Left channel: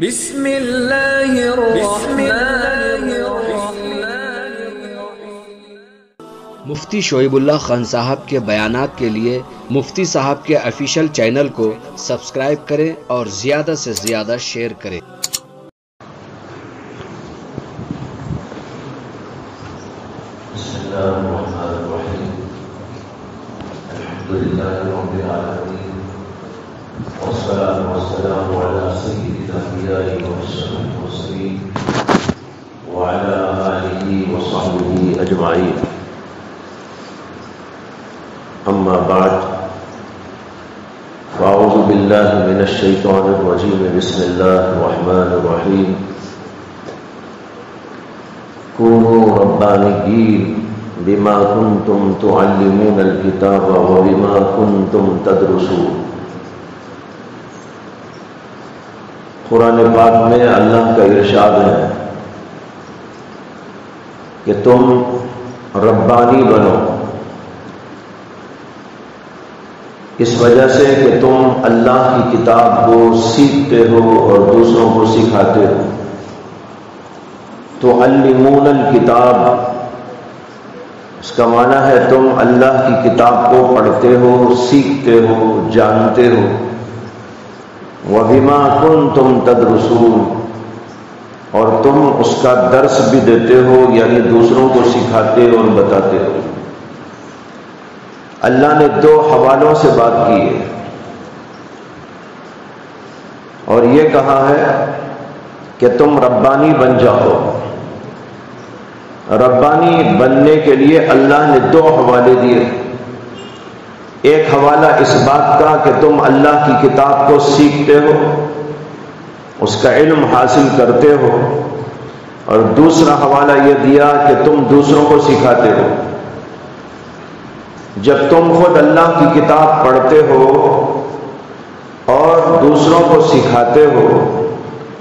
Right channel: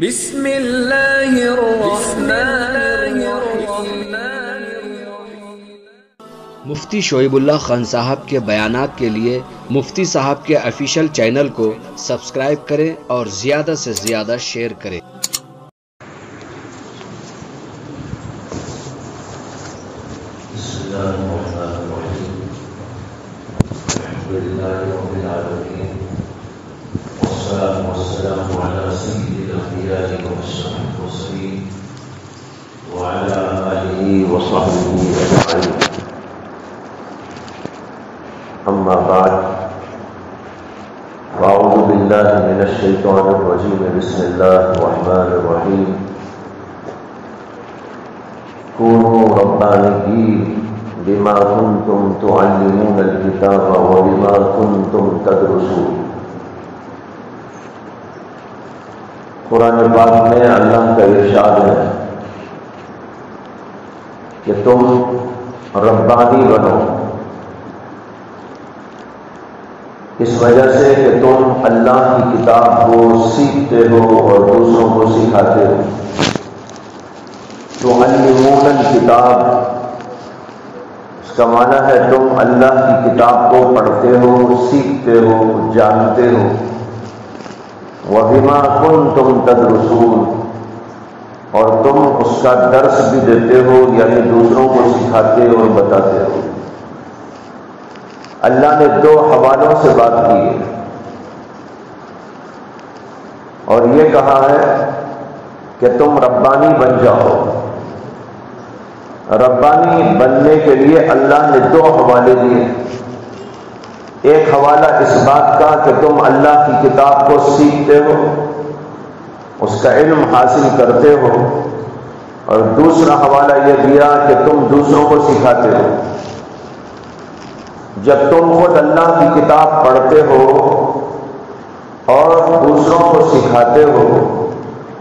بسم اللہ الرحمن الرحیم۔ مفتی شعیب اللہ خان صاحب کے بیانات کے لیے مفتی صاحب کے آفیشیل چینل کو سبسکرائب کریں اور زیادہ سے زیادہ شیئر کریں۔ بسم اللہ الرحمن الرحیم۔ الحمدللہ رب العالمین، والصلاة والسلام علی سید الانبیاء واشرف المرسلین وعلی آلہ وصحبہ اجمعین۔ اما بعد، فاعوذ باللہ من الشیطان الرجیم، بسم اللہ الرحمن الرحیم۔ كونوا ربانيين بما كنتم تعلمون الكتاب وبما كنتم تدرسون۔ قرآن پاک میں اللہ کا ارشاد ہے کہ تم ربانی بنو، اس وجہ سے کہ تم اللہ کی کتاب کو سیکھتے ہو اور دوسروں کو سکھاتے ہو۔ تعلمون الکتاب، اس کا معنی ہے تم اللہ کی کتاب کو پڑھتے ہو، سیکھتے ہو، جانتے ہو۔ وَبِمَا كُنْتُمْ تَدْرُسُونَ، اور تم اس کا درس بھی دیتے ہو، یعنی دوسروں کو سکھاتے اور بتاتے ہو۔ اللہ نے دو حوالوں سے بات کی ہے اور یہ کہا ہے کہ تم ربانی بن جاؤ۔ ربانی بننے کے لیے اللہ نے دو حوالے دیے۔ ایک حوالہ اس بات کا کہ تم اللہ کی کتاب کو سیکھتے ہو، اس کا علم حاصل کرتے ہو، اور دوسرا حوالہ یہ دیا کہ تم دوسروں کو سکھاتے ہو۔ جب تم خود اللہ کی کتاب پڑھتے ہو اور دوسروں کو سکھاتے ہو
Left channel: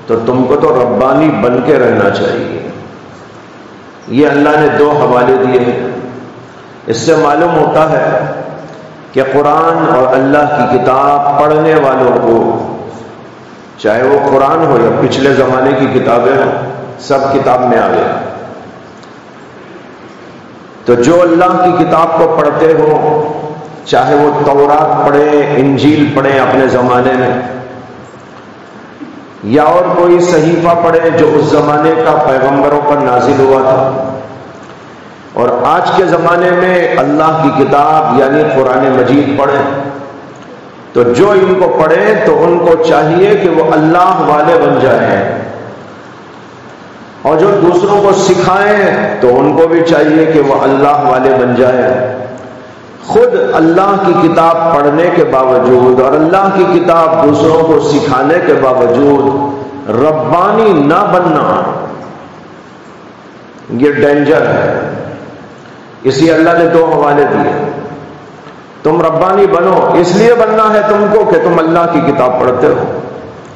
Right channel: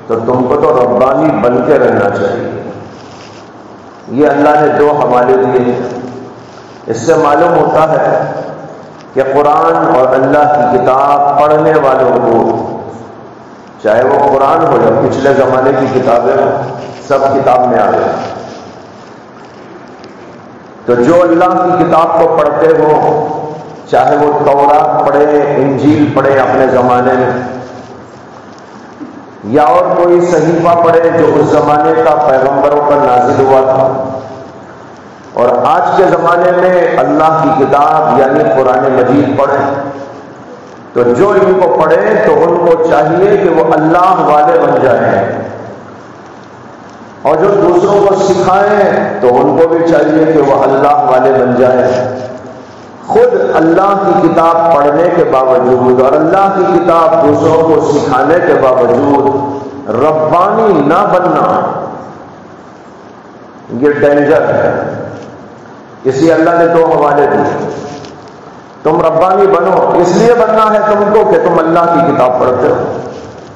تو تم کو تو ربانی بن کے رہنا چاہیے۔ یہ اللہ نے دو حوالے دیے ہیں۔ اس سے معلوم ہوتا ہے کہ قرآن اور اللہ کی کتاب پڑھنے والوں کو، چاہے وہ قرآن ہو یا پچھلے زمانے کی کتابیں ہوں، سب کتاب میں آ گئے۔ تو جو اللہ کی کتاب کو پڑھتے ہو، چاہے وہ تورات پڑھیں، انجیل پڑھیں اپنے زمانے میں، یا اور کوئی صحیفہ پڑھے جو اس زمانے کا پیغمبروں پر نازل ہوا تھا، اور آج کے زمانے میں اللہ کی کتاب یعنی قرآن مجید پڑھیں، تو جو ان کو پڑھیں تو ان کو چاہیے کہ وہ اللہ والے بن جائیں، اور جو دوسروں کو سکھائیں تو ان کو بھی چاہیے کہ وہ اللہ والے بن جائیں۔ خود اللہ کی کتاب پڑھنے کے باوجود اور اللہ کی کتاب دوسروں کو سکھانے کے باوجود ربانی نہ بننا، یہ ڈینجر ہے۔ اس لیے اللہ نے دو حوالے دیے۔ تم ربانی بنو، اس لیے بننا ہے تم کو کہ تم اللہ کی کتاب پڑھتے ہو،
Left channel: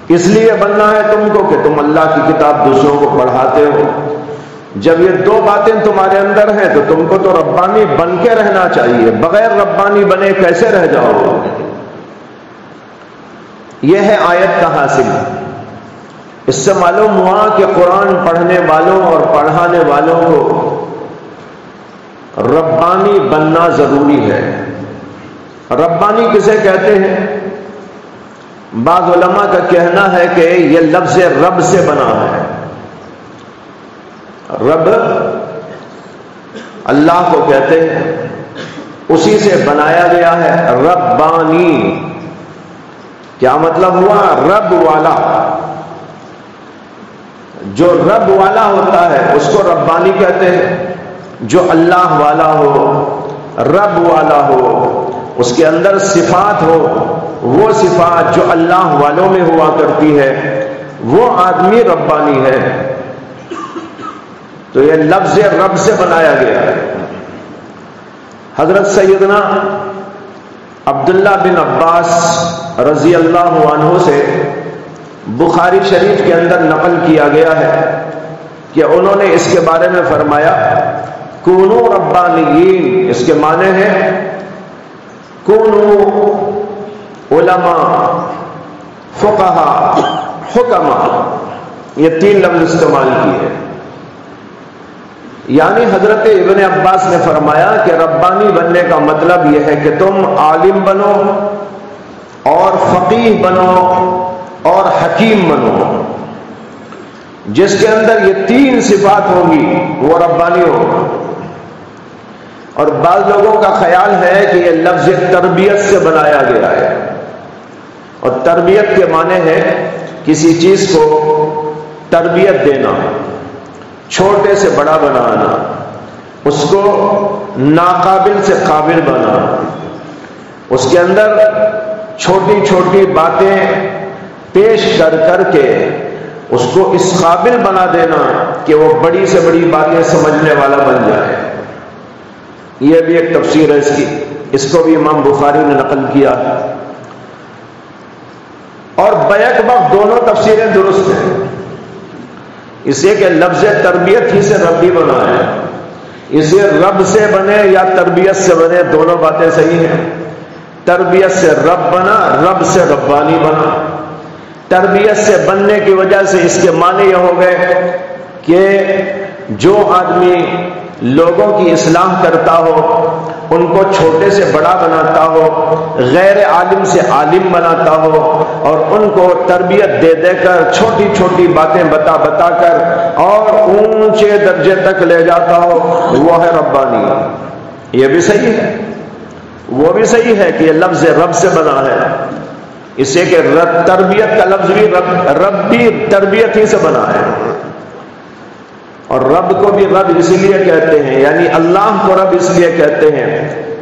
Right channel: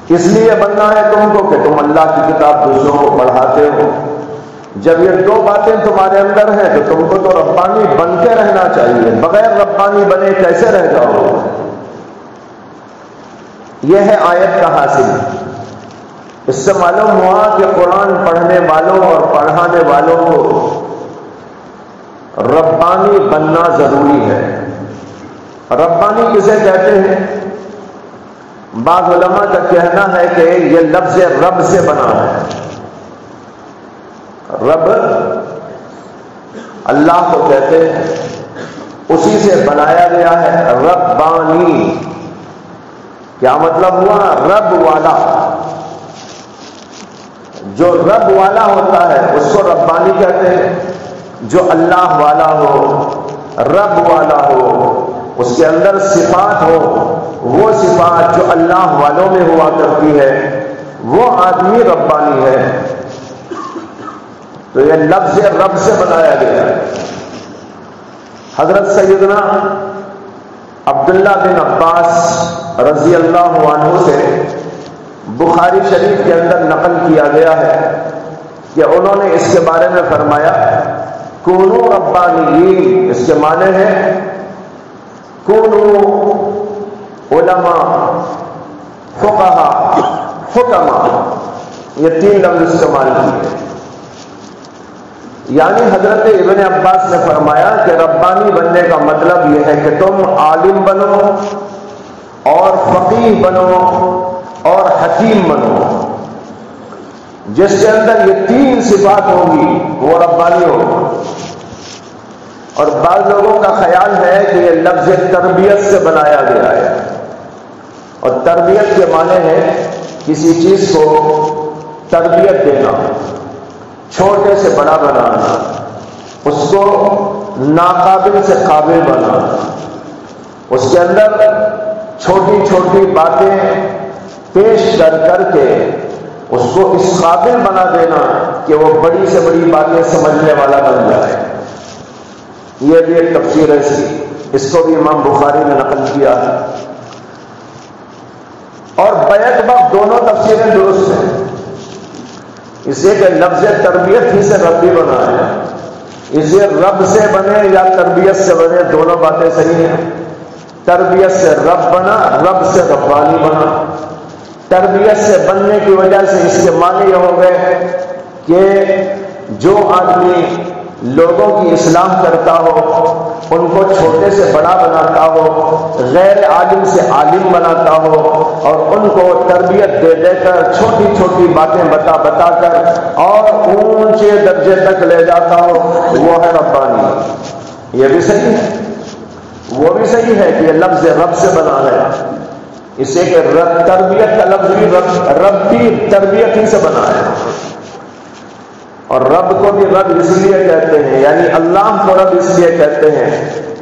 اس لیے بننا ہے تم کو کہ تم اللہ کی کتاب دوسروں کو پڑھاتے ہو۔ جب یہ دو باتیں تمہارے اندر ہیں تو تم کو تو ربانی بن کے رہنا چاہیے۔ بغیر ربانی بنے کیسے رہ جاؤ؟ یہ ہے آیت کا حاصل۔ اس سے معلوم ہوا کہ قرآن پڑھنے والوں اور پڑھانے والوں کو ربانی بننا ضروری ہے۔ ربانی کسے کہتے ہیں؟ بعض علماء کا کہنا ہے کہ یہ لفظ رب سے بنا ہے۔ رب اللہ کو کہتے ہیں، اسی سے بنایا گیا ہے ربانی۔ کیا مطلب ہوا؟ رب والا۔ جو رب والا ہوتا ہے اس کو ربانی کہتے ہیں۔ جو اللہ والا ہو، رب والا ہو، اس کے اندر صفات ہو، وہ صفات جو اللہ والوں میں ہوا کرتی ہے، وہ آدمی ربانی ہے۔ تو یہ لفظ رب سے بنایا گیا ہے۔ حضرت سیدنا عبداللہ بن عباس رضی اللہ عنہ سے بخاری شریف کے اندر نقل کیا گیا ہے کہ انہوں نے اس کے بارے میں فرمایا، کونوا ربانیین، اس کے معنی ہے کونوا علماء فقہا حکما، یہ 3 لفظ استعمال کیے. یعنی حضرت ابن عباس نے فرمایا کہ ربانی بننے کا مطلب یہ ہے کہ تم عالم بنو اور فقیہ بنو اور حکیم بنو. جس کے اندر یہ 3 صفات ہوں گی وہ ربانی ہوگا. اور بعض لوگوں کا خیال ہے کہ یہ لفظ تربیت سے بنایا گیا ہے، اور تربیت کے معنی ہے کسی چیز کو تربیت دینا، چھوٹے سے بڑا بنانا، اس کو ناقابل سے قابل بنانا، اس کے اندر چھوٹی چھوٹی باتیں پیش کر کر کے اس کو اس قابل بنا دینا کہ وہ بڑی سے بڑی باتیں سمجھنے والا بن جائے. یہ بھی ایک تفسیر ہے اس کی، اس کو بھی امام بخاری نے نقل کیا. اور بیک وقت دونوں تفسیریں درست ہیں، اس لیے کہ لفظ تربیت ہی سے ربی بنا ہے، اس لیے رب سے بنے یا تربیت سے بنے دونوں باتیں صحیح ہیں. تربیت سے رب بنا، رب سے ربانی بنا. تربیت سے بننے کی وجہ سے اس کے معنی یہ ہو گئے کہ جو آدمی لوگوں کی اصلاح کرتا ہو، ان کو چھوٹے سے بڑا بناتا ہو، غیر عالم سے عالم بناتا ہو، اور ان کو تربیت دے دے کر چھوٹی چھوٹی باتیں بتا بتا کر اور اونچے درجے تک لے جاتا ہو، وہ ہے ربانی. یہ بھی صحیح ہے، وہ بھی صحیح ہے کہ یہ لفظ رب سے بنا ہے، اس سے کہ تربیت کا لفظ بھی رب بھی تربیت ہی سے بنا ہے. اور رب کو بھی رب اس لیے کہتے ہیں، یعنی اللہ کو رب اس لیے کہتے ہیں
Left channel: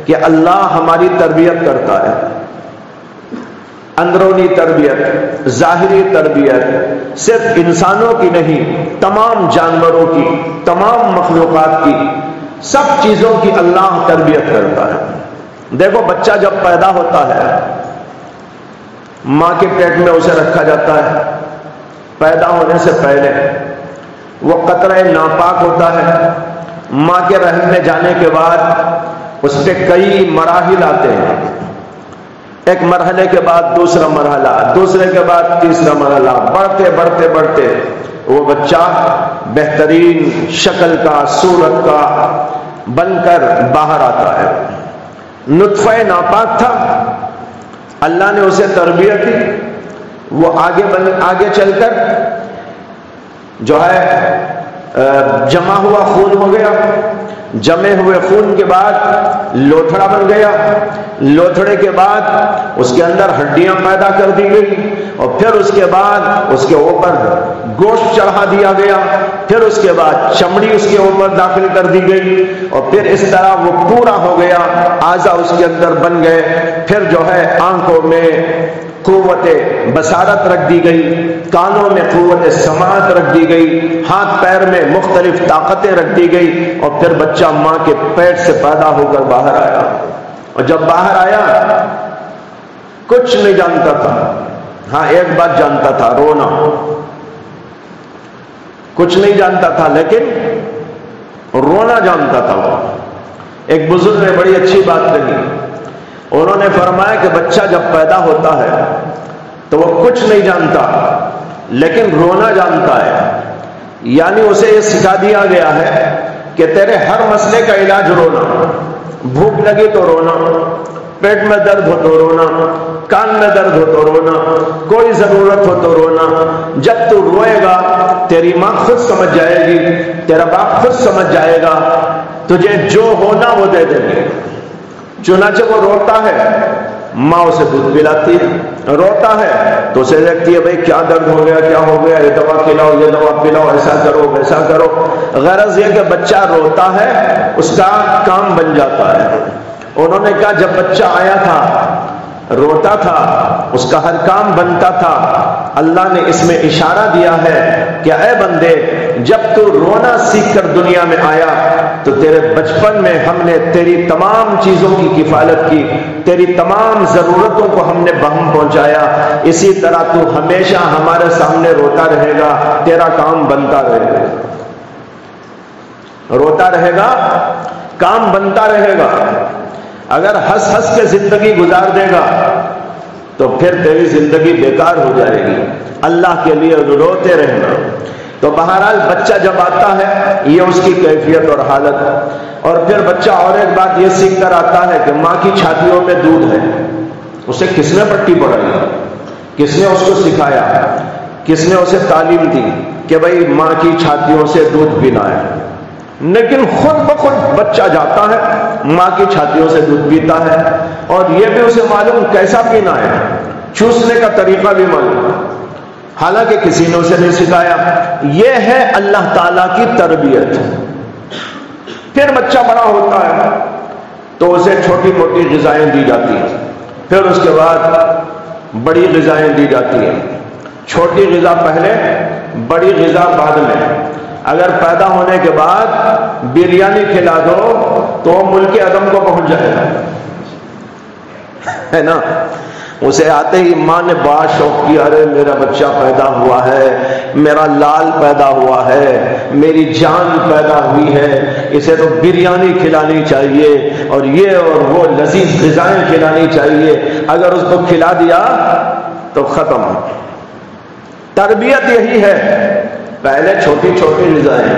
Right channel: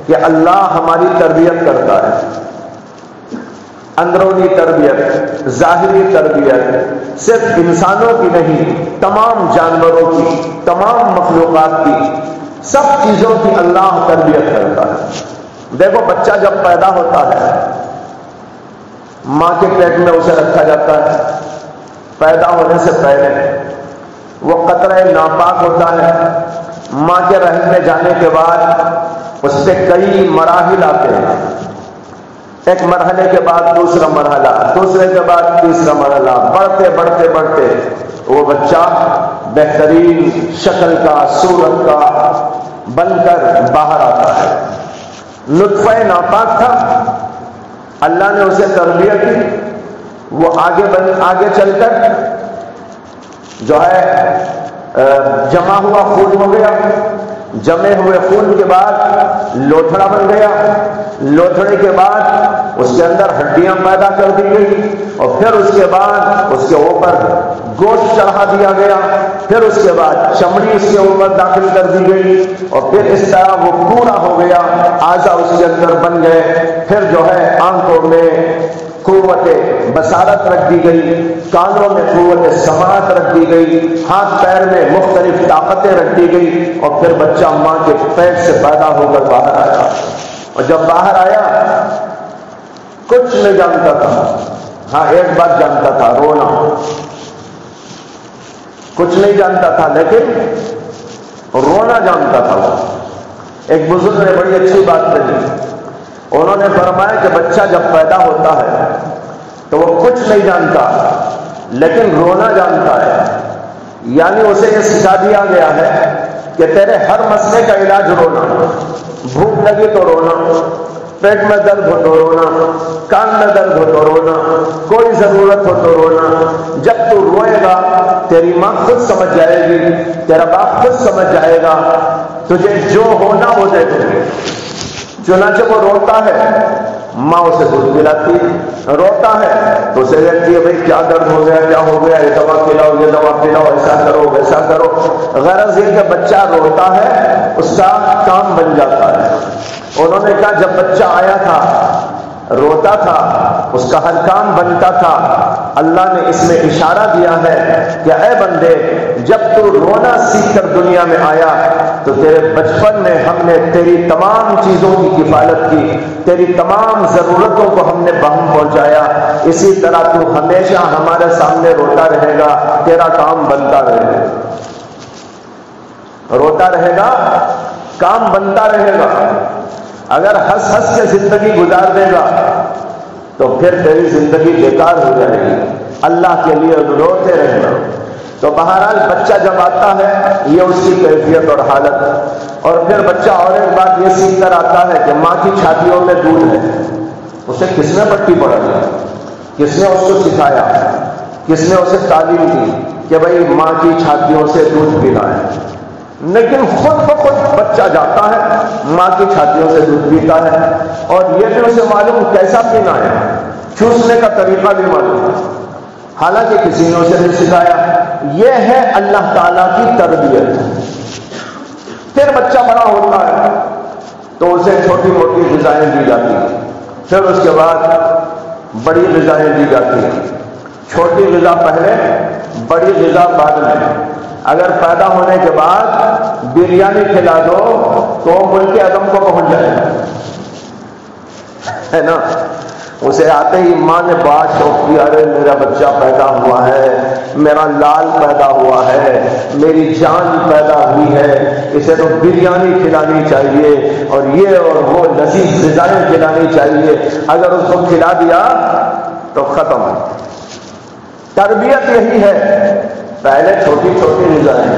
کہ اللہ ہماری تربیت کرتا ہے. اندرونی تربیت، ظاہری تربیت صرف انسانوں کی نہیں، تمام جانوروں کی، تمام مخلوقات کی، سب چیزوں کی اللہ تربیت کرتا ہے. دیکھو بچہ جب پیدا ہوتا ہے، ماں کے پیٹ میں اسے رکھا جاتا ہے. پیدا ہونے سے پہلے وہ قطرہ ناپاک ہوتا ہے. ماں کے رحم میں جانے کے بعد اس پہ کئی مراحل آتے ہیں. ایک مرحلے کے بعد دوسرا مرحلہ، دوسرے کے بعد تیسرا مرحلہ، بڑھتے بڑھتے بڑھتے وہ بچہ بہترین شکل کا، صورت کا بن کر باہر آتا ہے. نطفہ ناپاک تھا، اللہ نے اسے تربیت دی، وہ آگے چل کر جو ہے جمع ہوا خون ہو گیا. جمے ہوئے خون کے بعد لوتھڑا بن گیا. لوتھڑے کے بعد اس کے اندر ہڈیاں پیدا کر دی گئی، اور پھر اس کے بعد اس کے اوپر گوشت چڑھا دیا گیا. پھر اس کے بعد چمڑی اس کے اوپر داخل کر دی گئی، اور پھر اس طرح وہ پورا ہو گیا. اعضاء اس کے اندر بن گئے. پھر جو ہے آنکھوں میں قوت بصارت رکھ دی گئی، کانوں میں قوت سماعت رکھ دی گئی، ہاتھ پیر میں مختلف طاقتیں رکھ دی گئی، اور پھر بچہ ماں کے پیٹ سے پیدا ہو کر باہر آیا. اور جب باہر آیا کچھ نہیں جانتا تھا. ہاں ایک بات جانتا تھا، رونا. کچھ نہیں جانتا تھا لیکن رونا جانتا تھا. ایک بزرگ نے بڑی اچھی بات کہی. انہوں نے فرمایا کہ بچہ جب پیدا ہوتا ہے تو وہ کچھ نہیں جانتا لیکن رونا جانتا ہے. یعنی اسے یہ سکھا دیا گیا ہے کہ تیرے ہر مسئلے کا علاج رونا. بھوک لگی تو رونا، پیٹ میں درد ہو تو رونا، کان میں درد ہو تو رونا، کوئی ضرورت ہو تو رونا. جب تو روئے گا تیری ماں خود سمجھ جائے گی، تیرا باپ خود سمجھ جائے گا، تجھے جو ہونا وہ دے دیں گے. چنانچہ وہ روتا ہے، ماں اسے دودھ پلاتی ہے. روتا ہے تو اسے دیکھتی ہے بھائی کیا درد ہو گیا، کیا ہو گیا، یہ دوا کھلاؤ، یہ دوا پلاؤ، ایسا کرو ویسا کرو. غرض یہ کہ بچہ روتا ہے، اس کا کام بن جاتا ہے. انہوں نے کہا جب بچہ آیا تھا روتا تھا، اس کا ہر کام بنتا تھا. اللہ نے اس میں اشارہ دیا ہے کہ اے بندے، جب تو رونا سیکھ کر دنیا میں آیا تو تیرے بچپن میں ہم نے تیری تمام چیزوں کی کفالت کی، تیری تمام ضرورتوں کو ہم نے بہم پہنچایا. اسی طرح تو ہمیشہ ہمارے سامنے روتا رہے گا، تیرا کام بنتا رہے گا. روتا رہے گا، کام بنتا رہے گا. اگر ہنس ہنس کے زندگی گزار دے گا تو پھر تیری زندگی بیکار ہو جائے گی، اللہ کے لیے روتے رہنا۔ تو بہرحال بچہ جب آتا ہے یہ اس کی کیفیت اور حالت، اور پھر بچہ اور ایک بات یہ سیکھ کر آتا ہے کہ ماں کی چھاتیوں میں دودھ ہے۔ اسے کس نے پٹی پڑھائی، کس نے اس کو سکھایا، کس نے اسے تعلیم دی کہ بھائی ماں کی چھاتیوں سے دودھ پینا ہے؟ لیکن خود بخود بچہ جاتا ہے ماں کی چھاتیوں سے دودھ پیتا ہے، اور یہ بھی اسے معلوم کیسا پینا ہے، چوسنے کا طریقہ بھی معلوم ہے، حالانکہ کسی نے اسے نہیں سکھایا۔ یہ ہے اللہ تعالیٰ کی تربیت۔ پھر بچہ بڑا ہوتا ہے تو اسے چھوٹی موٹی غذائیں دی جاتی ہیں، پھر اس کے بعد بڑی غذائیں دی جاتی ہیں، چھوٹی غذا پہلے، بڑی غذا بعد میں۔ اگر پیدا ہونے کے بعد بریانی کھلا دو تو ملک عدم کو پہنچ جائے گا، ہے نا؟ اسے آتے ہی ماں نے بڑا شوق کیا، ارے میرا بچہ پیدا ہوا ہے، میرا لال پیدا ہوا ہے، میری جان پیدا ہوئی ہے، اسے تو بریانی کھلانی چاہیے اور یہ اور وہ لذیذ غذائیں کھلانی چاہیے۔ اگر اس کو کھلا دیا تو ختم۔ تربیت یہی ہے، پہلے چھوٹی چھوٹی غذائیں،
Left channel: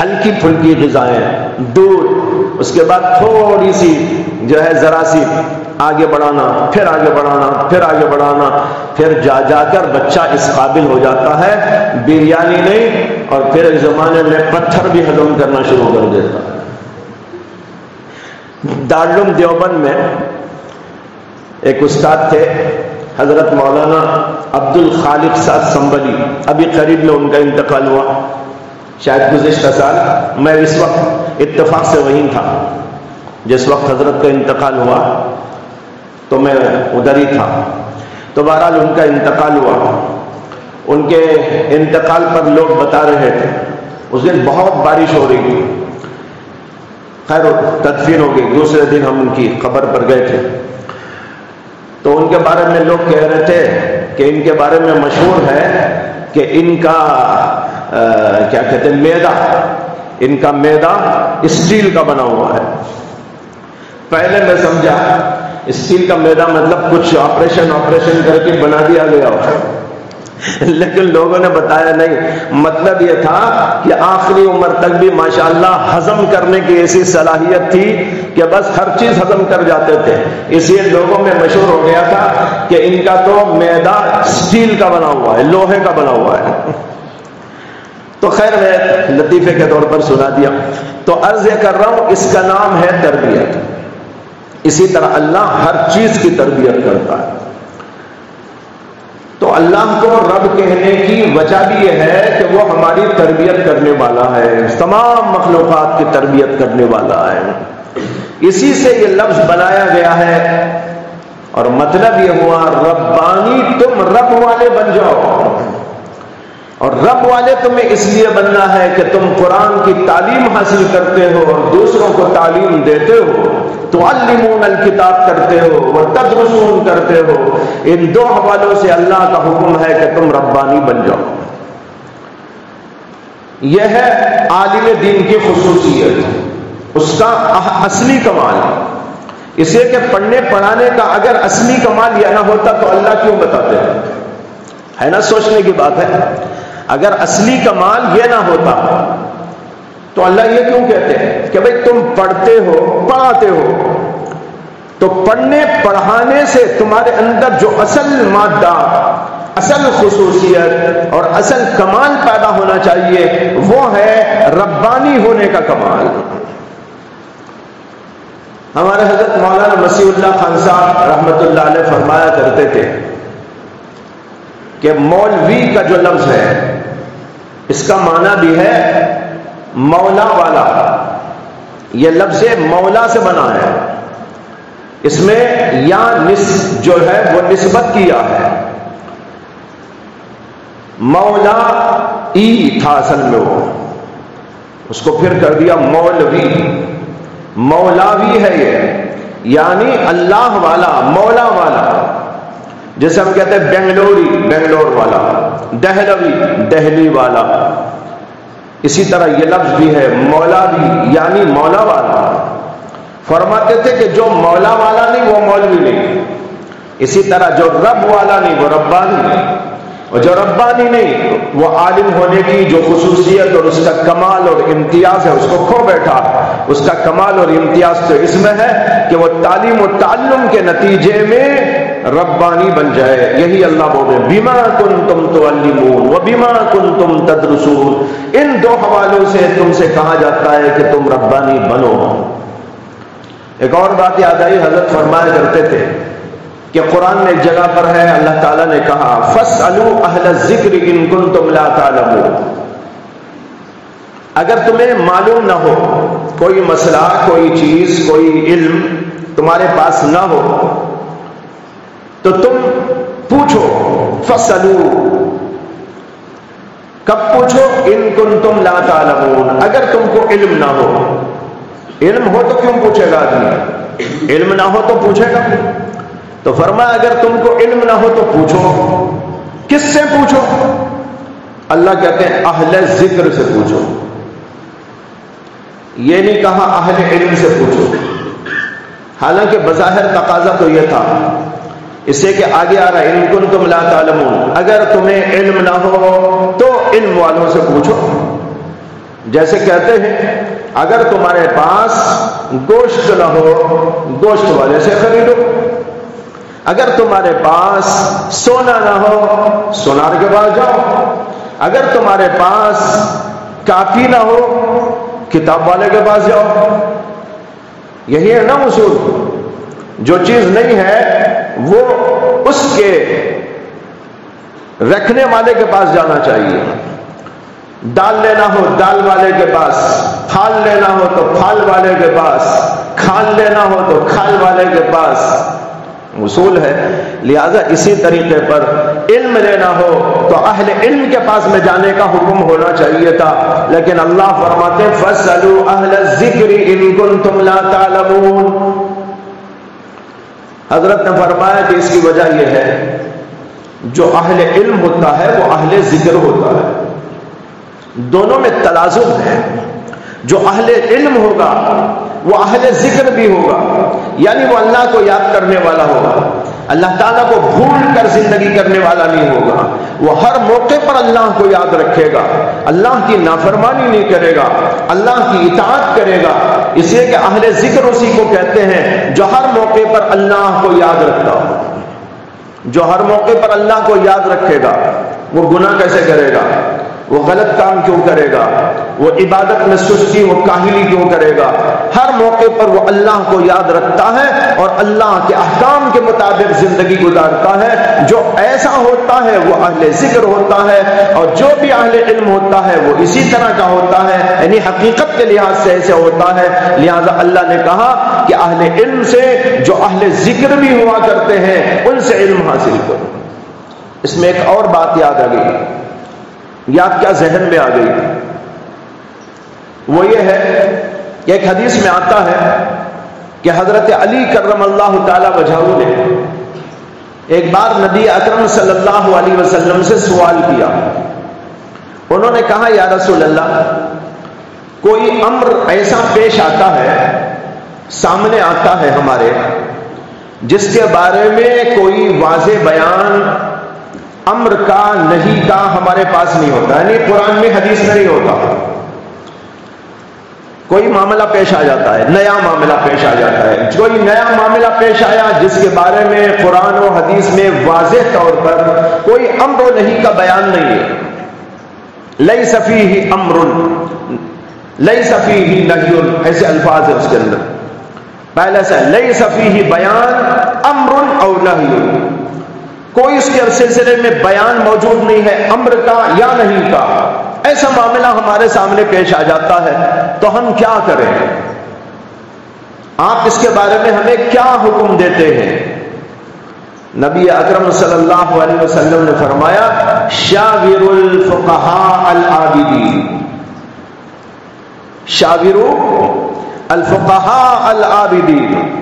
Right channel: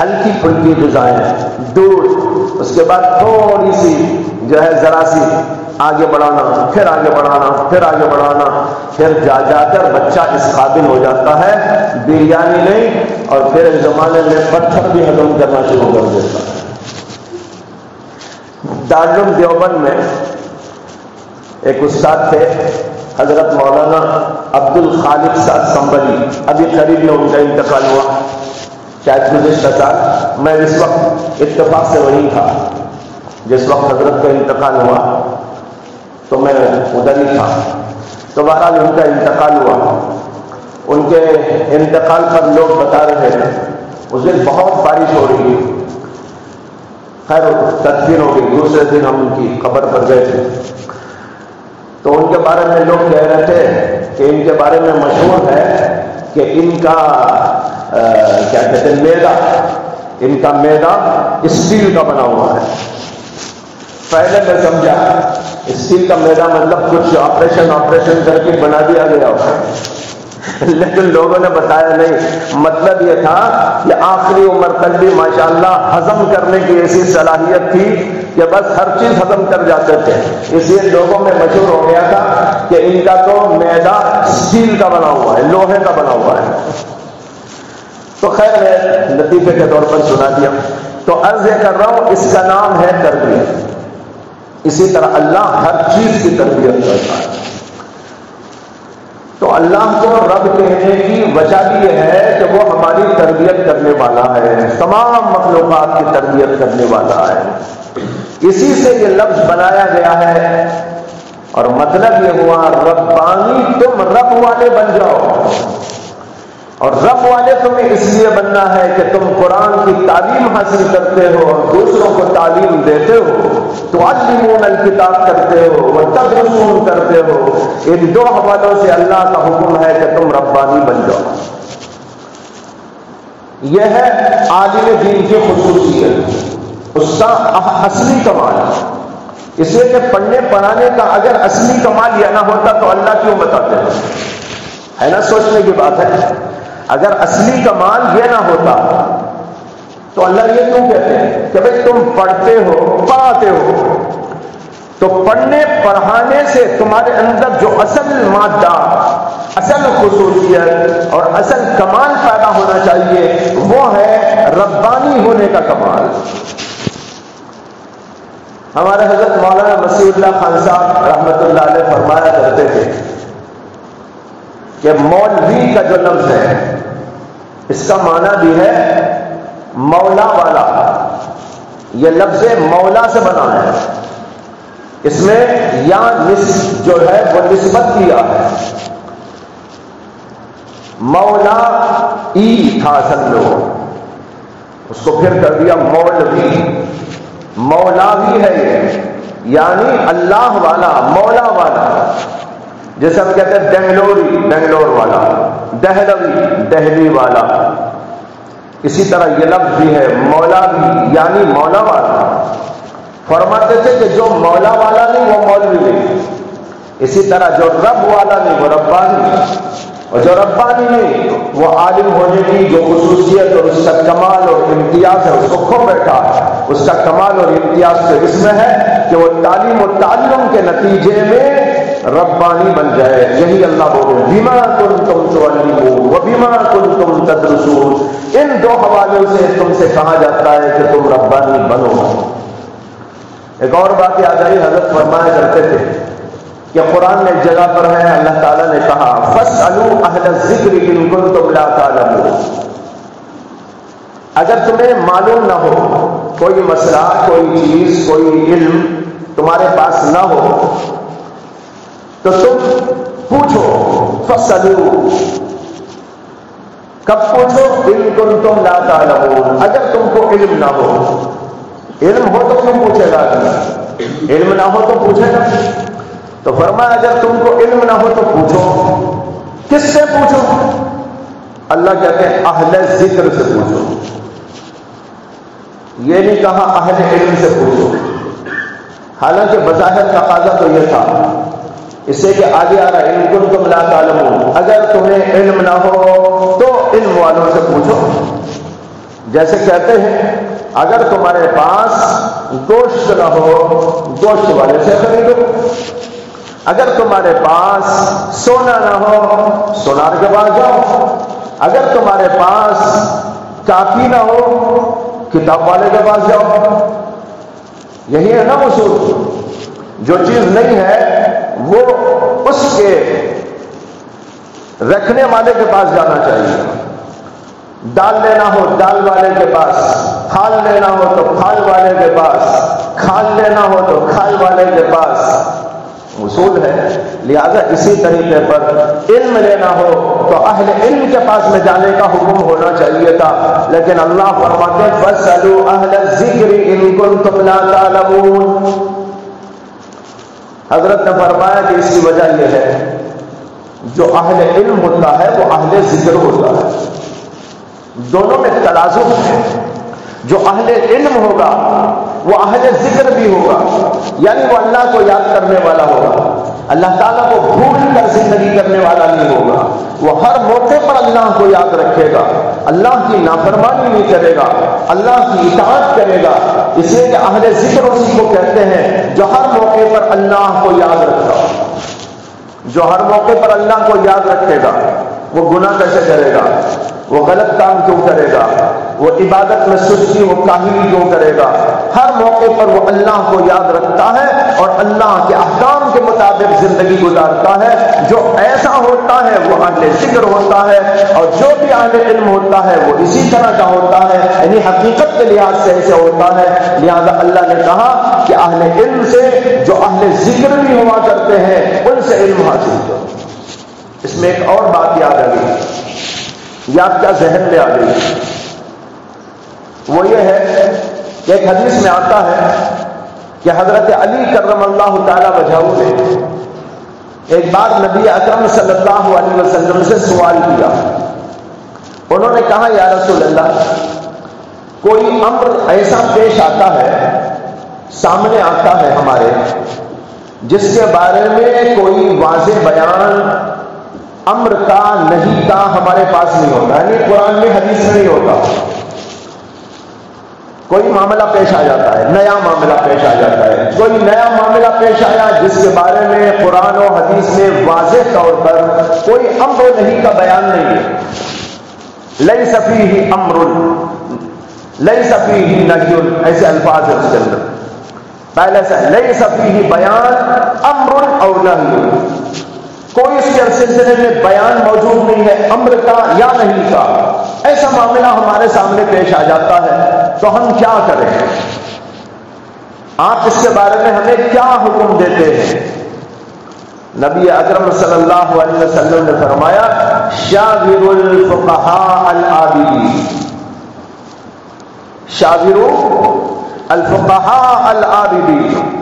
ہلکی پھلکی غذائیں، دودھ، اس کے بعد تھوڑی سی جو ہے ذرا سی آگے بڑھانا، پھر آگے بڑھانا، پھر آگے بڑھانا، پھر جا جا کر بچہ اس قابل ہو جاتا ہے بریانی نہیں، اور پھر اس زمانے میں پتھر بھی ہضم کرنا شروع کر دیتا ہے۔ دارالعلوم دیوبند میں ایک استاد تھے حضرت مولانا عبد الخالق صاحب سنبلی، ابھی قریب میں ان کا انتقال ہوا، شاید گزشتہ سال۔ میں اس وقت اتفاق سے وہیں تھا جس وقت حضرت کا انتقال ہوا، تو میں ادھر ہی تھا۔ تو بہرحال ان کا انتقال ہوا، ان کے انتقال پر لوگ بتا رہے تھے اس دن بہت بارش ہو رہی تھی، خیر تدفین ہو گئی، دوسرے دن ہم ان کی قبر پر گئے تھے، تو ان کے بارے میں لوگ کہہ رہے تھے کہ ان کے بارے میں مشہور ہے کہ ان کا کیا کہتے ہیں میدا، ان کا میدا اسٹیل کا بنا ہوا ہے۔ پہلے میں سمجھا اسٹیل کا میدا مطلب کچھ آپریشن کر کے بنا دیا گیا ہو، لیکن لوگوں نے بتایا نہیں، مطلب یہ تھا کہ آخری عمر تک بھی ماشاءاللہ ہضم کرنے کی ایسی صلاحیت تھی کہ بس ہر چیز ہضم کر جاتے تھے، اس لیے لوگوں میں مشہور ہو گیا تھا کہ ان کا تو میدا اسٹیل کا بنا ہوا ہے، لوہے کا بنا ہوا ہے۔ تو خیر میں لطیفے کے طور پر سنا دیا۔ تو عرض یہ کر رہا ہوں، اس کا نام ہے تربیت۔ اسی طرح اللہ ہر چیز کی تربیت کرتا ہے۔ تو اللہ کو رب کہنے کی وجہ بھی یہ ہے کہ وہ ہماری تربیت کرنے والا ہے، تمام مخلوقات کی تربیت کرنے والا ہے، اسی سے یہ لفظ بنایا گیا ہے۔ اور مطلب یہ ہوا ربانی، تم رب والے بن جاؤ، اور رب والے تمہیں اس لیے بننا ہے کہ تم قرآن کی تعلیم حاصل کرتے ہو اور دوسروں کو تعلیم دیتے ہو، تعلمون الکتاب کرتے ہو اور تدرسون کرتے ہو۔ ان دو حوالوں سے اللہ کا حکم ہے کہ تم ربانی بن جاؤ۔ یہ ہے عالم دین کی خصوصیت، اس کا اصلی کمال، اس لیے کہ پڑھنے پڑھانے کا اگر اصلی کمال یہ نہ ہوتا تو اللہ کیوں بتاتے ہیں؟ ہے نا، سوچنے کی بات ہے۔ اگر اصلی کمال یہ نہ ہوتا تو اللہ یہ کیوں کہتے ہیں کہ بھئی تم پڑھتے ہو، پڑھاتے ہو، تو پڑھنے پڑھانے سے تمہارے اندر جو اصل مادہ، اصل خصوصیت اور اصل کمال پیدا ہونا چاہیے وہ ہے ربانی ہونے کا کمال۔ ہمارے حضرت مولانا مسیح اللہ خان صاحب رحمۃ اللہ علیہ فرمایا کرتے تھے کہ مولوی کا جو لفظ ہے اس کا معنی بھی ہے مولا والا، یہ لفظ مولا سے بنا ہے، اس میں یا جو ہے وہ نسبت کیا ہے، مولا ای تھا اصل میں، وہ اس کو پھر کر دیا مولوی، مولاوی ہے یہ، یعنی اللہ والا، مولا والا، جیسے ہم کہتے ہیں بنگلوری، بنگلور والا، دہلوی، دہلی والا، اسی طرح یہ لفظ بھی ہے مولا بھی، یعنی مولا والا۔ فرماتے تھے کہ جو مولا والا نہیں وہ مولوی نہیں، اسی طرح جو رب والا نہیں وہ ربانی نہیں، اور جو ربانی نہیں وہ عالم ہونے کی جو خصوصیت اور اس کا کمال اور امتیاز ہے اس کو کھو بیٹھا۔ اس کا کمال اور امتیاز تو اس میں ہے کہ وہ تعلیم و تعلم کے نتیجے میں ربانی بن جائے۔ یہی اللہ بولے بما کنتم تعلمون وبما کنتم تدرسون، ان دو حوالوں سے تم سے کہا جاتا ہے کہ تم ربانی بنو۔ ایک اور بات یاد آئی، حضرت فرمایا کرتے تھے کہ قرآن میں ایک جگہ پر ہے اللہ تعالیٰ نے کہا فَاسْأَلُوا أَهْلَ الذِّكْرِ إِن كُنتُمْ لَا تَعْلَمُونَ، اگر تمہیں معلوم نہ ہو کوئی مسئلہ، کوئی چیز، کوئی علم تمہارے پاس نہ ہو تو تم پوچھو۔ فَاسْأَلُوا، کب پوچھو؟ إِن كُنتُمْ لَا تَعْلَمُونَ، اگر تم کو علم نہ ہو۔ علم ہو تو کیوں پوچھے گا آدمی؟ علم نہ ہو تو پوچھے گا؟ تو فرمایا اگر تم کو علم نہ ہو تو پوچھو۔ کس سے پوچھو؟ اللہ کہتے ہیں اہل ذکر سے پوچھو، یہ نہیں کہا اہل علم سے پوچھو، حالانکہ بظاہر تقاضا تو یہ تھا، اس سے کہ آگے آ رہا ہے ان کنتم لا تعلمون، اگر تمہیں علم نہ ہو تو علم والوں سے پوچھو۔ جیسے کہتے ہیں اگر تمہارے پاس گوشت نہ ہو گوشت والے سے خریدو، اگر تمہارے پاس سونا نہ ہو سونار کے پاس جاؤ، اگر تمہارے پاس کاپی نہ ہو کتاب والے کے پاس جاؤ۔ یہی ہے نا اصول، جو چیز نہیں ہے وہ اس کے رکھنے والے کے پاس جانا چاہیے۔ دال لینا ہو دال والے کے پاس، پھال لینا ہو تو پھال والے کے پاس، کھال لینا ہو تو کھال والے کے پاس، اصول ہے۔ لہذا اسی طریقے پر علم لینا ہو تو اہل علم کے پاس میں جانے کا حکم ہونا چاہیے تھا، لیکن اللہ فرماتے ہیں فَاسْأَلُوا أَهْلَ الذِّكْرِ إِن كُنتُمْ لَا تَعْلَمُونَ۔ حضرت نے فرمایا کہ اس کی وجہ یہ ہے جو اہل علم ہوتا ہے وہ اہل ذکر ہوتا ہے، دونوں میں تلازم ہے۔ جو اہل علم ہوگا وہ اہل ذکر بھی ہوگا، یعنی وہ اللہ کو یاد کرنے والا ہوگا، اللہ تعالیٰ کو بھول کر زندگی کرنے والا نہیں ہوگا، وہ ہر موقع پر اللہ کو یاد رکھے گا، اللہ کی نافرمانی نہیں کرے گا، اللہ کی اطاعت کرے گا۔ اس لیے کہ اہل ذکر اسی کو کہتے ہیں جو ہر موقع پر اللہ کو یاد رکھتا ہے۔ جو ہر موقع پر اللہ کو یاد رکھے گا وہ گناہ کیسے کرے گا، وہ غلط کام کیوں کرے گا، وہ عبادت میں سستی وہ کاہلی کیوں کرے گا، ہر موقع پر وہ اللہ کو یاد رکھتا ہے اور اللہ کے احکام کے مطابق زندگی گزارتا ہے۔ جو ایسا ہوتا ہے وہ اہل ذکر ہوتا ہے، اور جو بھی اہل علم ہوتا ہے وہ اسی طرح کا ہوتا ہے، یعنی حقیقت کے لحاظ سے ایسے ہوتا ہے۔ لہذا اللہ نے کہا کہ اہل علم سے جو اہل ذکر بھی ہوا کرتے ہیں ان سے علم حاصل کرو۔ اس میں ایک اور بات یاد آ گئی، یاد کیا ذہن میں آ گئی، وہ یہ ہے کہ ایک حدیث میں آتا ہے کہ حضرت علی کرم اللہ تعالی وجہہ نے ایک بار نبی اکرم صلی اللہ علیہ وسلم سے سوال کیا۔ انہوں نے کہا یا رسول اللہ، کوئی امر ایسا پیش آتا ہے، سامنے آتا ہے ہمارے، جس کے بارے میں کوئی واضح بیان امر کا نہیں کا ہمارے پاس نہیں ہوتا، یعنی قرآن میں حدیث میں نہیں ہوتا۔ کوئی معاملہ پیش آ جاتا ہے، نیا معاملہ پیش آ جاتا ہے، کوئی نیا معاملہ پیش آیا جس کے بارے میں قرآن و حدیث میں واضح طور پر کوئی امر و نہی کا بیان نہیں ہے۔ لیس فیہ امر لیس فیہ نہی، ایسے الفاظ ہیں اس کے اندر، پہلے سے لیس فیہ بیان امر او نہی، کوئی اس کے سلسلے میں بیان موجود نہیں ہے امر کا یا نہیں کا، ایسا معاملہ ہمارے سامنے پیش آ جاتا ہے تو ہم کیا کریں؟ آپ اس کے بارے میں ہمیں کیا حکم دیتے ہیں؟ نبی اکرم صلی اللہ علیہ وسلم نے فرمایا شاور الفقہاء العابدین، شاور الفقہاء العابدین۔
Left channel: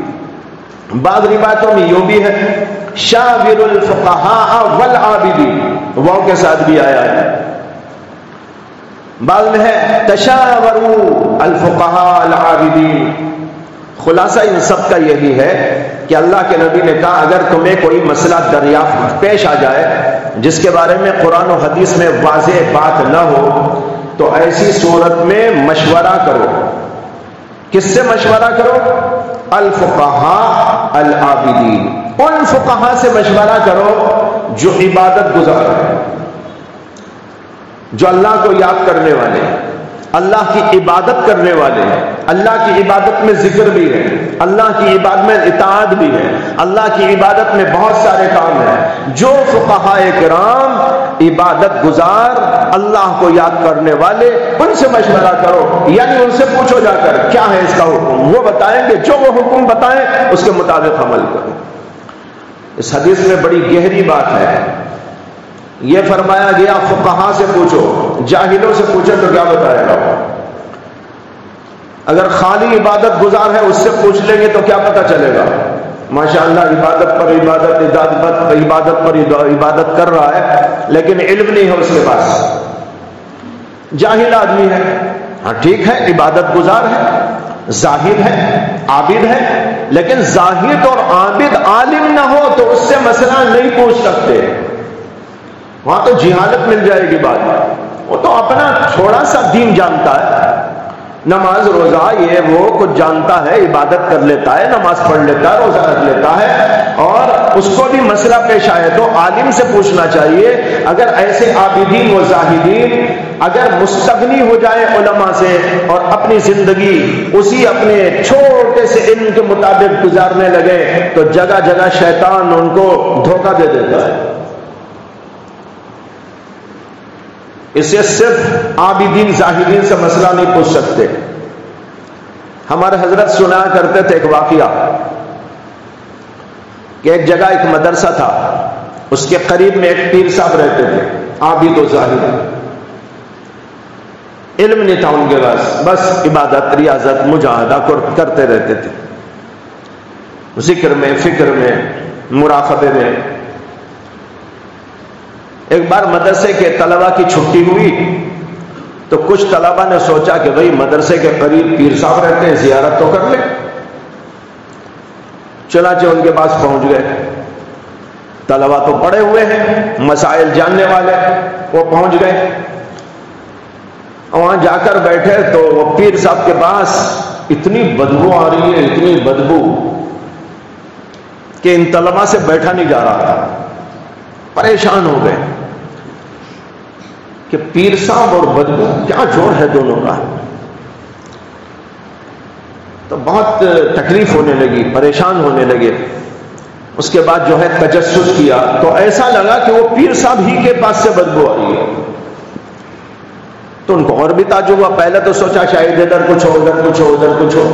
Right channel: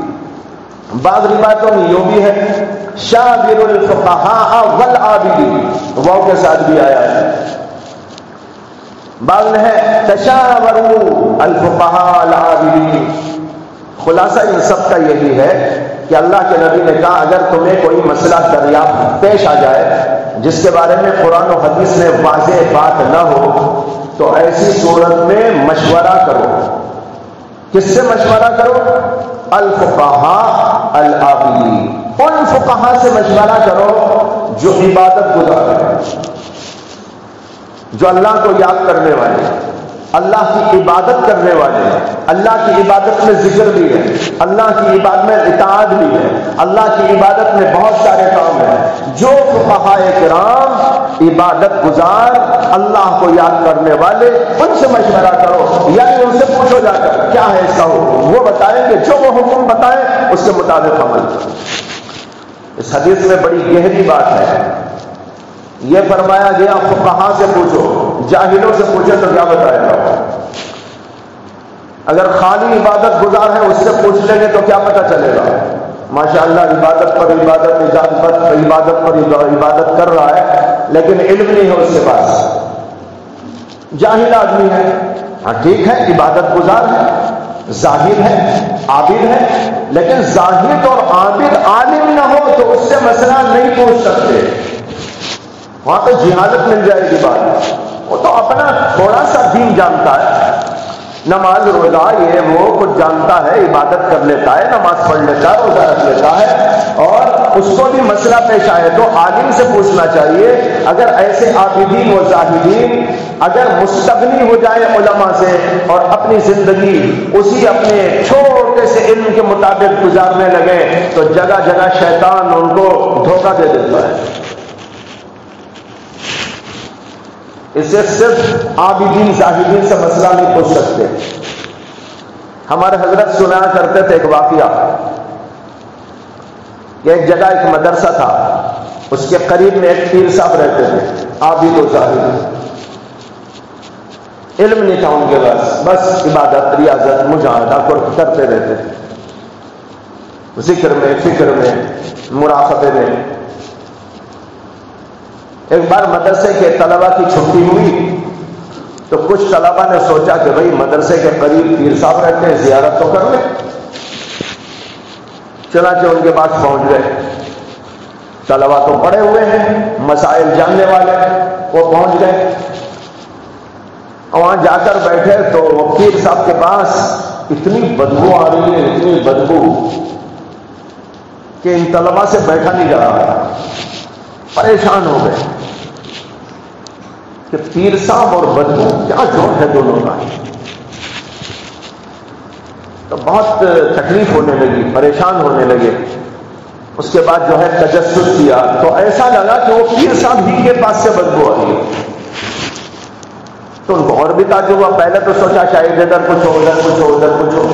بعض روایتوں میں یہ بھی ہے شاور الفقہاء والعابدین، واو کے ساتھ بھی آیا ہے۔ بعض میں ہے تشاوروا الفقہاء العابدین۔ خلاصہ ان سب کا یہی ہے کہ اللہ کے نبی نے کہا اگر تمہیں کوئی مسئلہ دریافت پیش آ جائے جس کے بارے میں قرآن و حدیث میں واضح بات نہ ہو تو ایسی صورت میں مشورہ کرو. کس سے مشورہ کرو؟ الفقہاء العابدین، ان فقہاء سے مشورہ کرو جو عبادت گزار ہیں، جو اللہ کو یاد کرنے والے ہیں، اللہ کی عبادت کرنے والے ہیں، اللہ کی عبادت میں ذکر بھی ہے، اللہ کی عبادت میں اطاعت بھی ہے، اللہ کی عبادت میں بہت سارے کام ہیں. جو فقہاء کرام عبادت گزار اللہ کو یاد کرنے والے، ان سے مشورہ کرو، یعنی ان سے پوچھو جا کر کیا ہے اس کا حکم، وہ بتائیں گے، جو وہ حکم بتائیں اس کے مطابق عمل کرو. اس حدیث میں بڑی گہری بات ہے. یہ فرمایا گیا فقہاء سے پوچھو، جاہلوں سے پوچھو تو کیا بتائے گا؟ اگر خالی عبادت گزار ہے اس سے پوچھ لیں گے تو کیا پتہ چلے گا؟ ماشاءاللہ عبادت پر عبادت پر عبادت کر رہا ہے لیکن علم نہیں ہے اس کے پاس، جاہل آدمی ہے. ہاں ٹھیک ہے، عبادت گزار ہے، زاہد ہے، عابد ہے، لیکن زاہد اور عابد عالم نہ ہو تو اس سے مسئلہ نہیں پوچھ سکتے. وہاں تو جہالت مل جائے گی بات. وہ تو اپنا تھوڑا سا دین جانتا ہے، نماز روزہ یہ وہ کچھ جانتا ہے، عبادت کر لیتا ہے، نماز پڑھ لیتا ہے، روزہ رکھ لیتا ہے، اور اس کو بھی مسئلہ پیش آئے تو عالم سے پوچھنا چاہیے. اگر ایسے عابدین و زاہدین اگر مستغنی ہو جائے علماء سے اور اپنی زندگی اسی اپنے چھوٹے سے علم کے مطابق گزارنے لگے تو جگہ جگہ شیطان ان کو دھوکہ دے دیتا ہے. اسے صرف عابدین زاہدین سے مسئلہ نہیں پوچھ سکتے. ہمارے حضرت سنایا کرتے تھے ایک واقعہ کہ ایک جگہ ایک مدرسہ تھا، اس کے قریب میں ایک پیر صاحب رہتے تھے، عابد و زاہد. علم نہیں تھا ان کے پاس، بس عبادت ریاضت مجاہدہ کرتے رہتے تھے، ذکر میں، فکر میں، مراقبے میں. ایک بار مدرسے کے طلبہ کی چھٹی ہوئی تو کچھ طلبہ نے سوچا کہ بھئی مدرسے کے قریب پیر صاحب رہتے ہیں، زیارت تو کر لیں. چنانچہ ان کے پاس پہنچ گئے. طلبہ تو پڑھے ہوئے ہیں، مسائل جاننے والے، وہ پہنچ گئے. وہاں جا کر بیٹھے تو وہ پیر صاحب کے پاس اتنی بدبو آ رہی ہے، اتنی بدبو کہ ان طلبہ سے بیٹھا نہیں جا رہا. پریشان ہو گئے کہ پیر صاحب اور بدبو کیا جوڑ ہے دونوں کا. تو بہت تکلیف ہونے لگی، پریشان ہونے لگے. اس کے بعد جو ہے تجسس کیا تو ایسا لگا کہ وہ پیر صاحب ہی کے پاس سے بدبو آ رہی ہے. تو ان کو اور بھی تعجب ہوا. پہلے تو سوچا شاید ادھر کچھ ہو، ادھر کچھ ہو، ادھر کچھ ہو،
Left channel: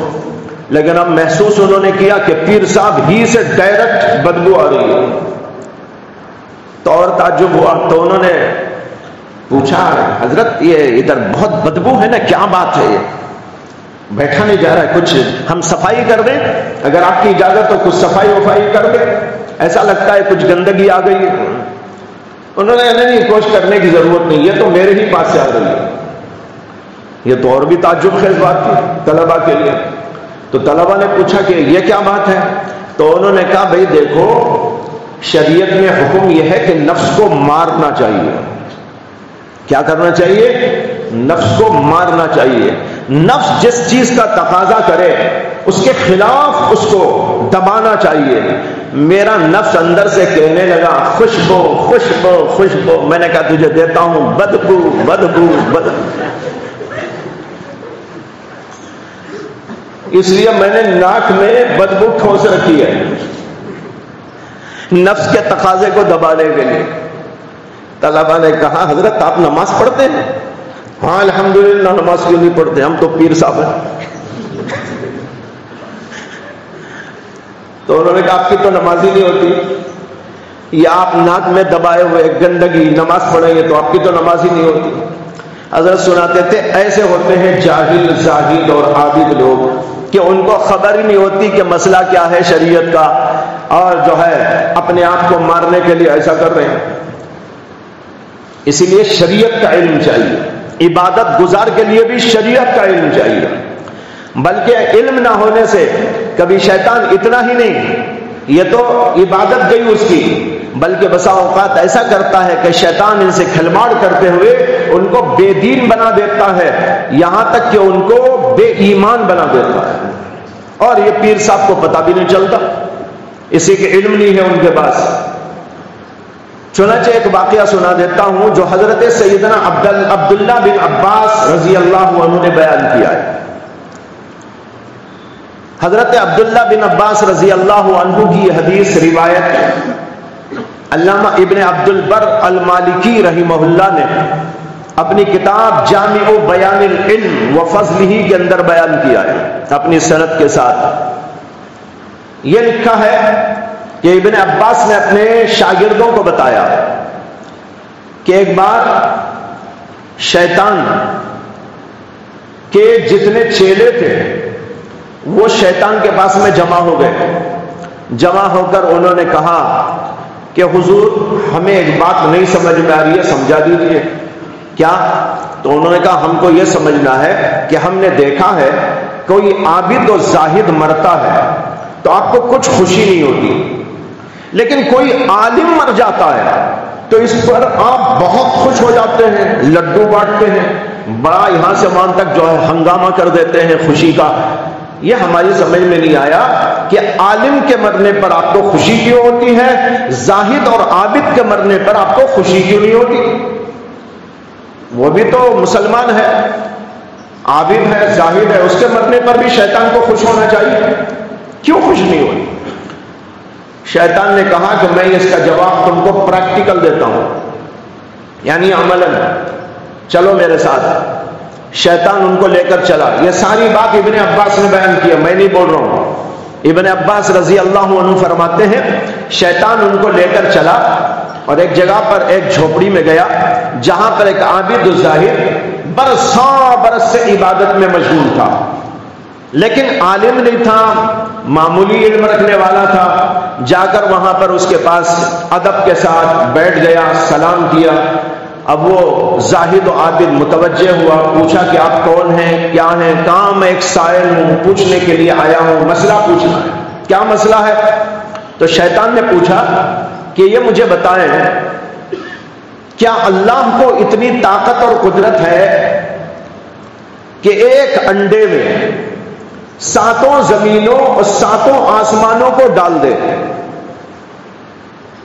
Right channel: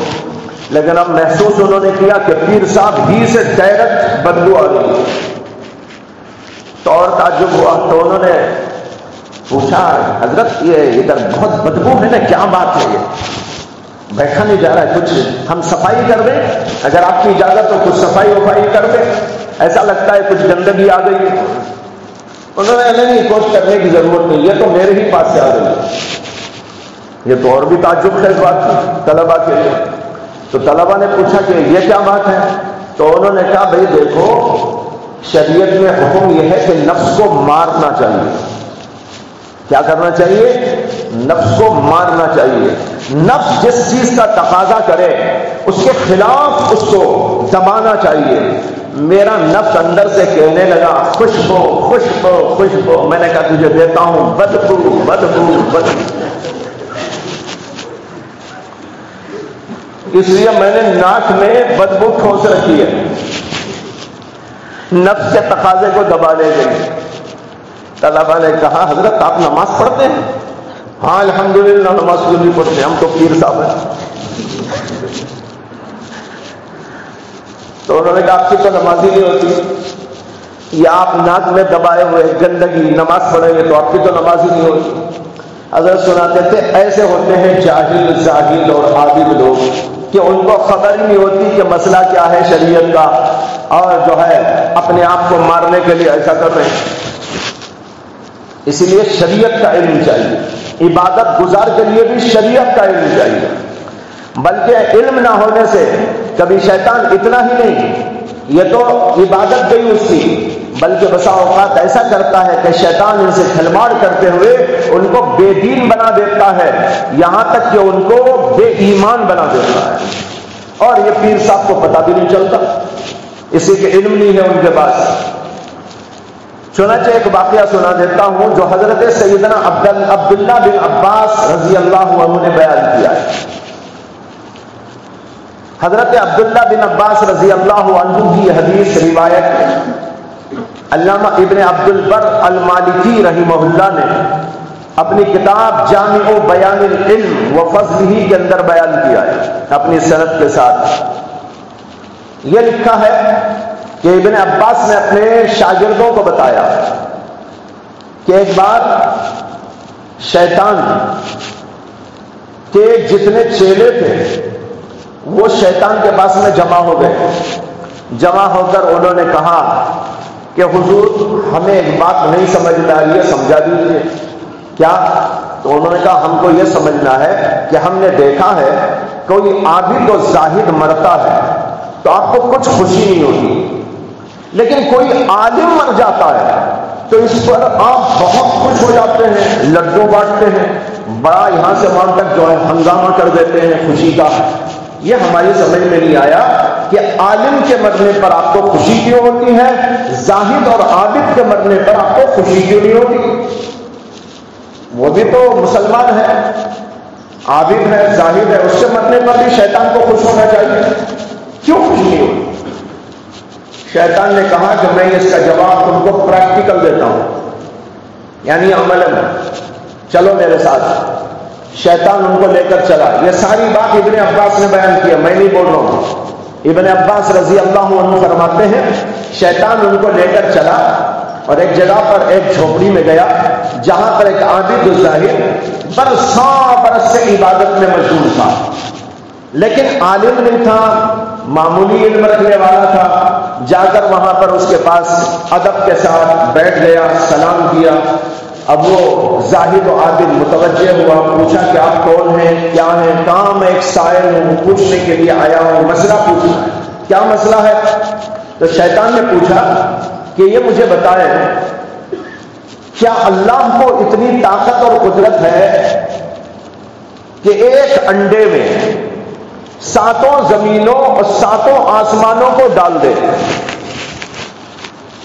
لیکن اب محسوس انہوں نے کیا کہ پیر صاحب ہی سے ڈائریکٹ بدبو آ رہی ہے. تو اور تعجب ہوا. تو انہوں نے پوچھا حضرت یہ ادھر بہت بدبو ہے نا، کیا بات ہے؟ یہ بیٹھا نہیں جا رہا ہے، کچھ ہم صفائی کر دیں؟ اگر آپ کی اجازت ہو کچھ صفائی وفائی کر دیں، ایسا لگتا ہے کچھ گندگی آ گئی. انہوں نے نہیں، کوشش کرنے کی ضرورت نہیں، یہ تو میرے ہی پاس سے آ رہی ہے. یہ تو اور بھی تعجب خیز بات تھی طلبہ کے لیے. تو طلبہ نے پوچھا کہ یہ کیا بات ہے؟ تو انہوں نے کہا بھئی دیکھو، شریعت میں حکم یہ ہے کہ نفس کو مارنا چاہیے. کیا کرنا چاہیے؟ نفس کو مارنا چاہیے. نفس جس چیز کا تقاضا کرے اس کے خلاف اس کو دبانا چاہیے. میرا نفس اندر سے کہنے لگا خوشبو خوشبو خوشبو. میں نے کہا تجھے دیتا ہوں بدبو بدبو بدبو. اس لیے میں نے ناک میں بدبو ٹھوس رکھی ہے نفس کے تقاضے کو دبانے کے لیے. طلبہ نے کہا حضرت آپ نماز پڑھتے ہیں؟ ہاں الحمدللہ نماز کیوں نہیں پڑھتے، ہم تو پیر صاحب ہیں. تو انہوں نے کہا آپ کی تو نماز ہی نہیں ہوتی، یا آپ ناک میں دبائے ہوئے گندگی نماز پڑھیں گے تو آپ کی تو نماز ہی نہیں ہوتی. حضرت سناتے تھے ایسے ہوتے ہیں جاہل زاہد اور عابد لوگ کہ ان کو خبر ہی نہیں ہوتی کہ مسئلہ کیا ہے شریعت کا، اور جو ہے اپنے آپ کو مارنے کے لیے ایسا کر رہے ہیں. اسی لیے شریعت کا علم چاہیے. عبادت گزار کے لیے بھی شریعت کا علم چاہیے. بلکہ علم نہ ہونے سے کبھی شیطان اتنا ہی نہیں یہ تو عبادت گئی اس کی، بلکہ بسا اوقات ایسا کرتا ہے کہ شیطان ان سے کھلواڑ کرتے ہوئے ان کو بے دین بنا دیتا ہے، یہاں تک کہ ان کو بے ایمان بنا دیتا ہے، اور یہ پیر صاحب کو پتہ بھی نہیں چلتا، اسی کے علم نہیں ہے ان کے پاس۔ چنانچہ ایک واقعہ سنا دیتا ہوں جو حضرت سیدنا عبداللہ بن عباس رضی اللہ عنہ نے بیان کیا ہے۔ حضرت عبداللہ بن عباس رضی اللہ عنہ کی یہ حدیث روایت علامہ ابن عبد البر المالکی رحمہ اللہ نے اپنی کتاب جامع بیان العلم و فضلہ کے اندر بیان کیا ہے اپنی سند کے ساتھ۔ یہ لکھا ہے کہ ابن عباس نے اپنے شاگردوں کو بتایا کہ ایک بار شیطان کے جتنے چیلے تھے وہ شیطان کے پاس میں جمع ہو گئے، جمع ہو کر انہوں نے کہا کہ حضور ہمیں ایک بات نہیں سمجھ میں آ رہی ہے، سمجھا دیجیے۔ کیا؟ تو انہوں نے کہا ہم کو یہ سمجھنا ہے کہ ہم نے دیکھا ہے کوئی عابد و زاہد مرتا ہے تو آپ کو کچھ خوشی نہیں ہوتی، لیکن کوئی عالم مر جاتا ہے تو اس پر آپ بہت خوش ہو جاتے ہیں، لڈو بانٹتے ہیں، بڑا یہاں سے وہاں تک جو ہنگامہ کر دیتے ہیں خوشی کا۔ یہ ہماری سمجھ میں نہیں آیا کہ عالم کے مرنے پر آپ کو خوشی کیوں ہوتی ہے، زاہد اور عابد کے مرنے پر آپ کو خوشی کیوں نہیں ہوتی؟ وہ بھی تو مسلمان ہے، عابد ہے، زاہد ہے، اس کے مرنے پر بھی شیطان کو خوش ہونا چاہیے، کیوں خوش نہیں ہوتی؟ شیطان نے کہا کہ میں اس کا جواب تم کو پریکٹیکل دیتا ہوں، یعنی عملاً چلو میرے ساتھ۔ شیطان ان کو لے کر چلا۔ یہ ساری بات ابن عباس نے بیان کیا، میں نہیں بول رہا ہوں۔ ابن عباس رضی اللہ عنہ فرماتے ہیں شیطان ان کو لے کر چلا اور ایک جگہ پر ایک جھوپڑی میں گیا جہاں پر ایک عابد الزاہد برس سے عبادت میں مشغول تھا، لیکن عالم نہیں تھا، معمولی علم رکھنے والا تھا۔ جا کر وہاں پر اس کے پاس ادب کے ساتھ بیٹھ گیا، سلام کیا۔ اب وہ زاہد و عابد متوجہ ہوا، پوچھا کہ آپ کون ہیں، کیا ہیں؟ کہاں میں ایک سائل ہوں، پوچھنے کے لیے آیا ہوں، مسئلہ پوچھنا۔ کیا مسئلہ ہے؟ تو شیطان نے پوچھا کہ یہ مجھے بتائیں کیا اللہ کو اتنی طاقت اور قدرت ہے کہ ایک انڈے میں 7 زمینوں اور 7 آسمانوں کو ڈال دے؟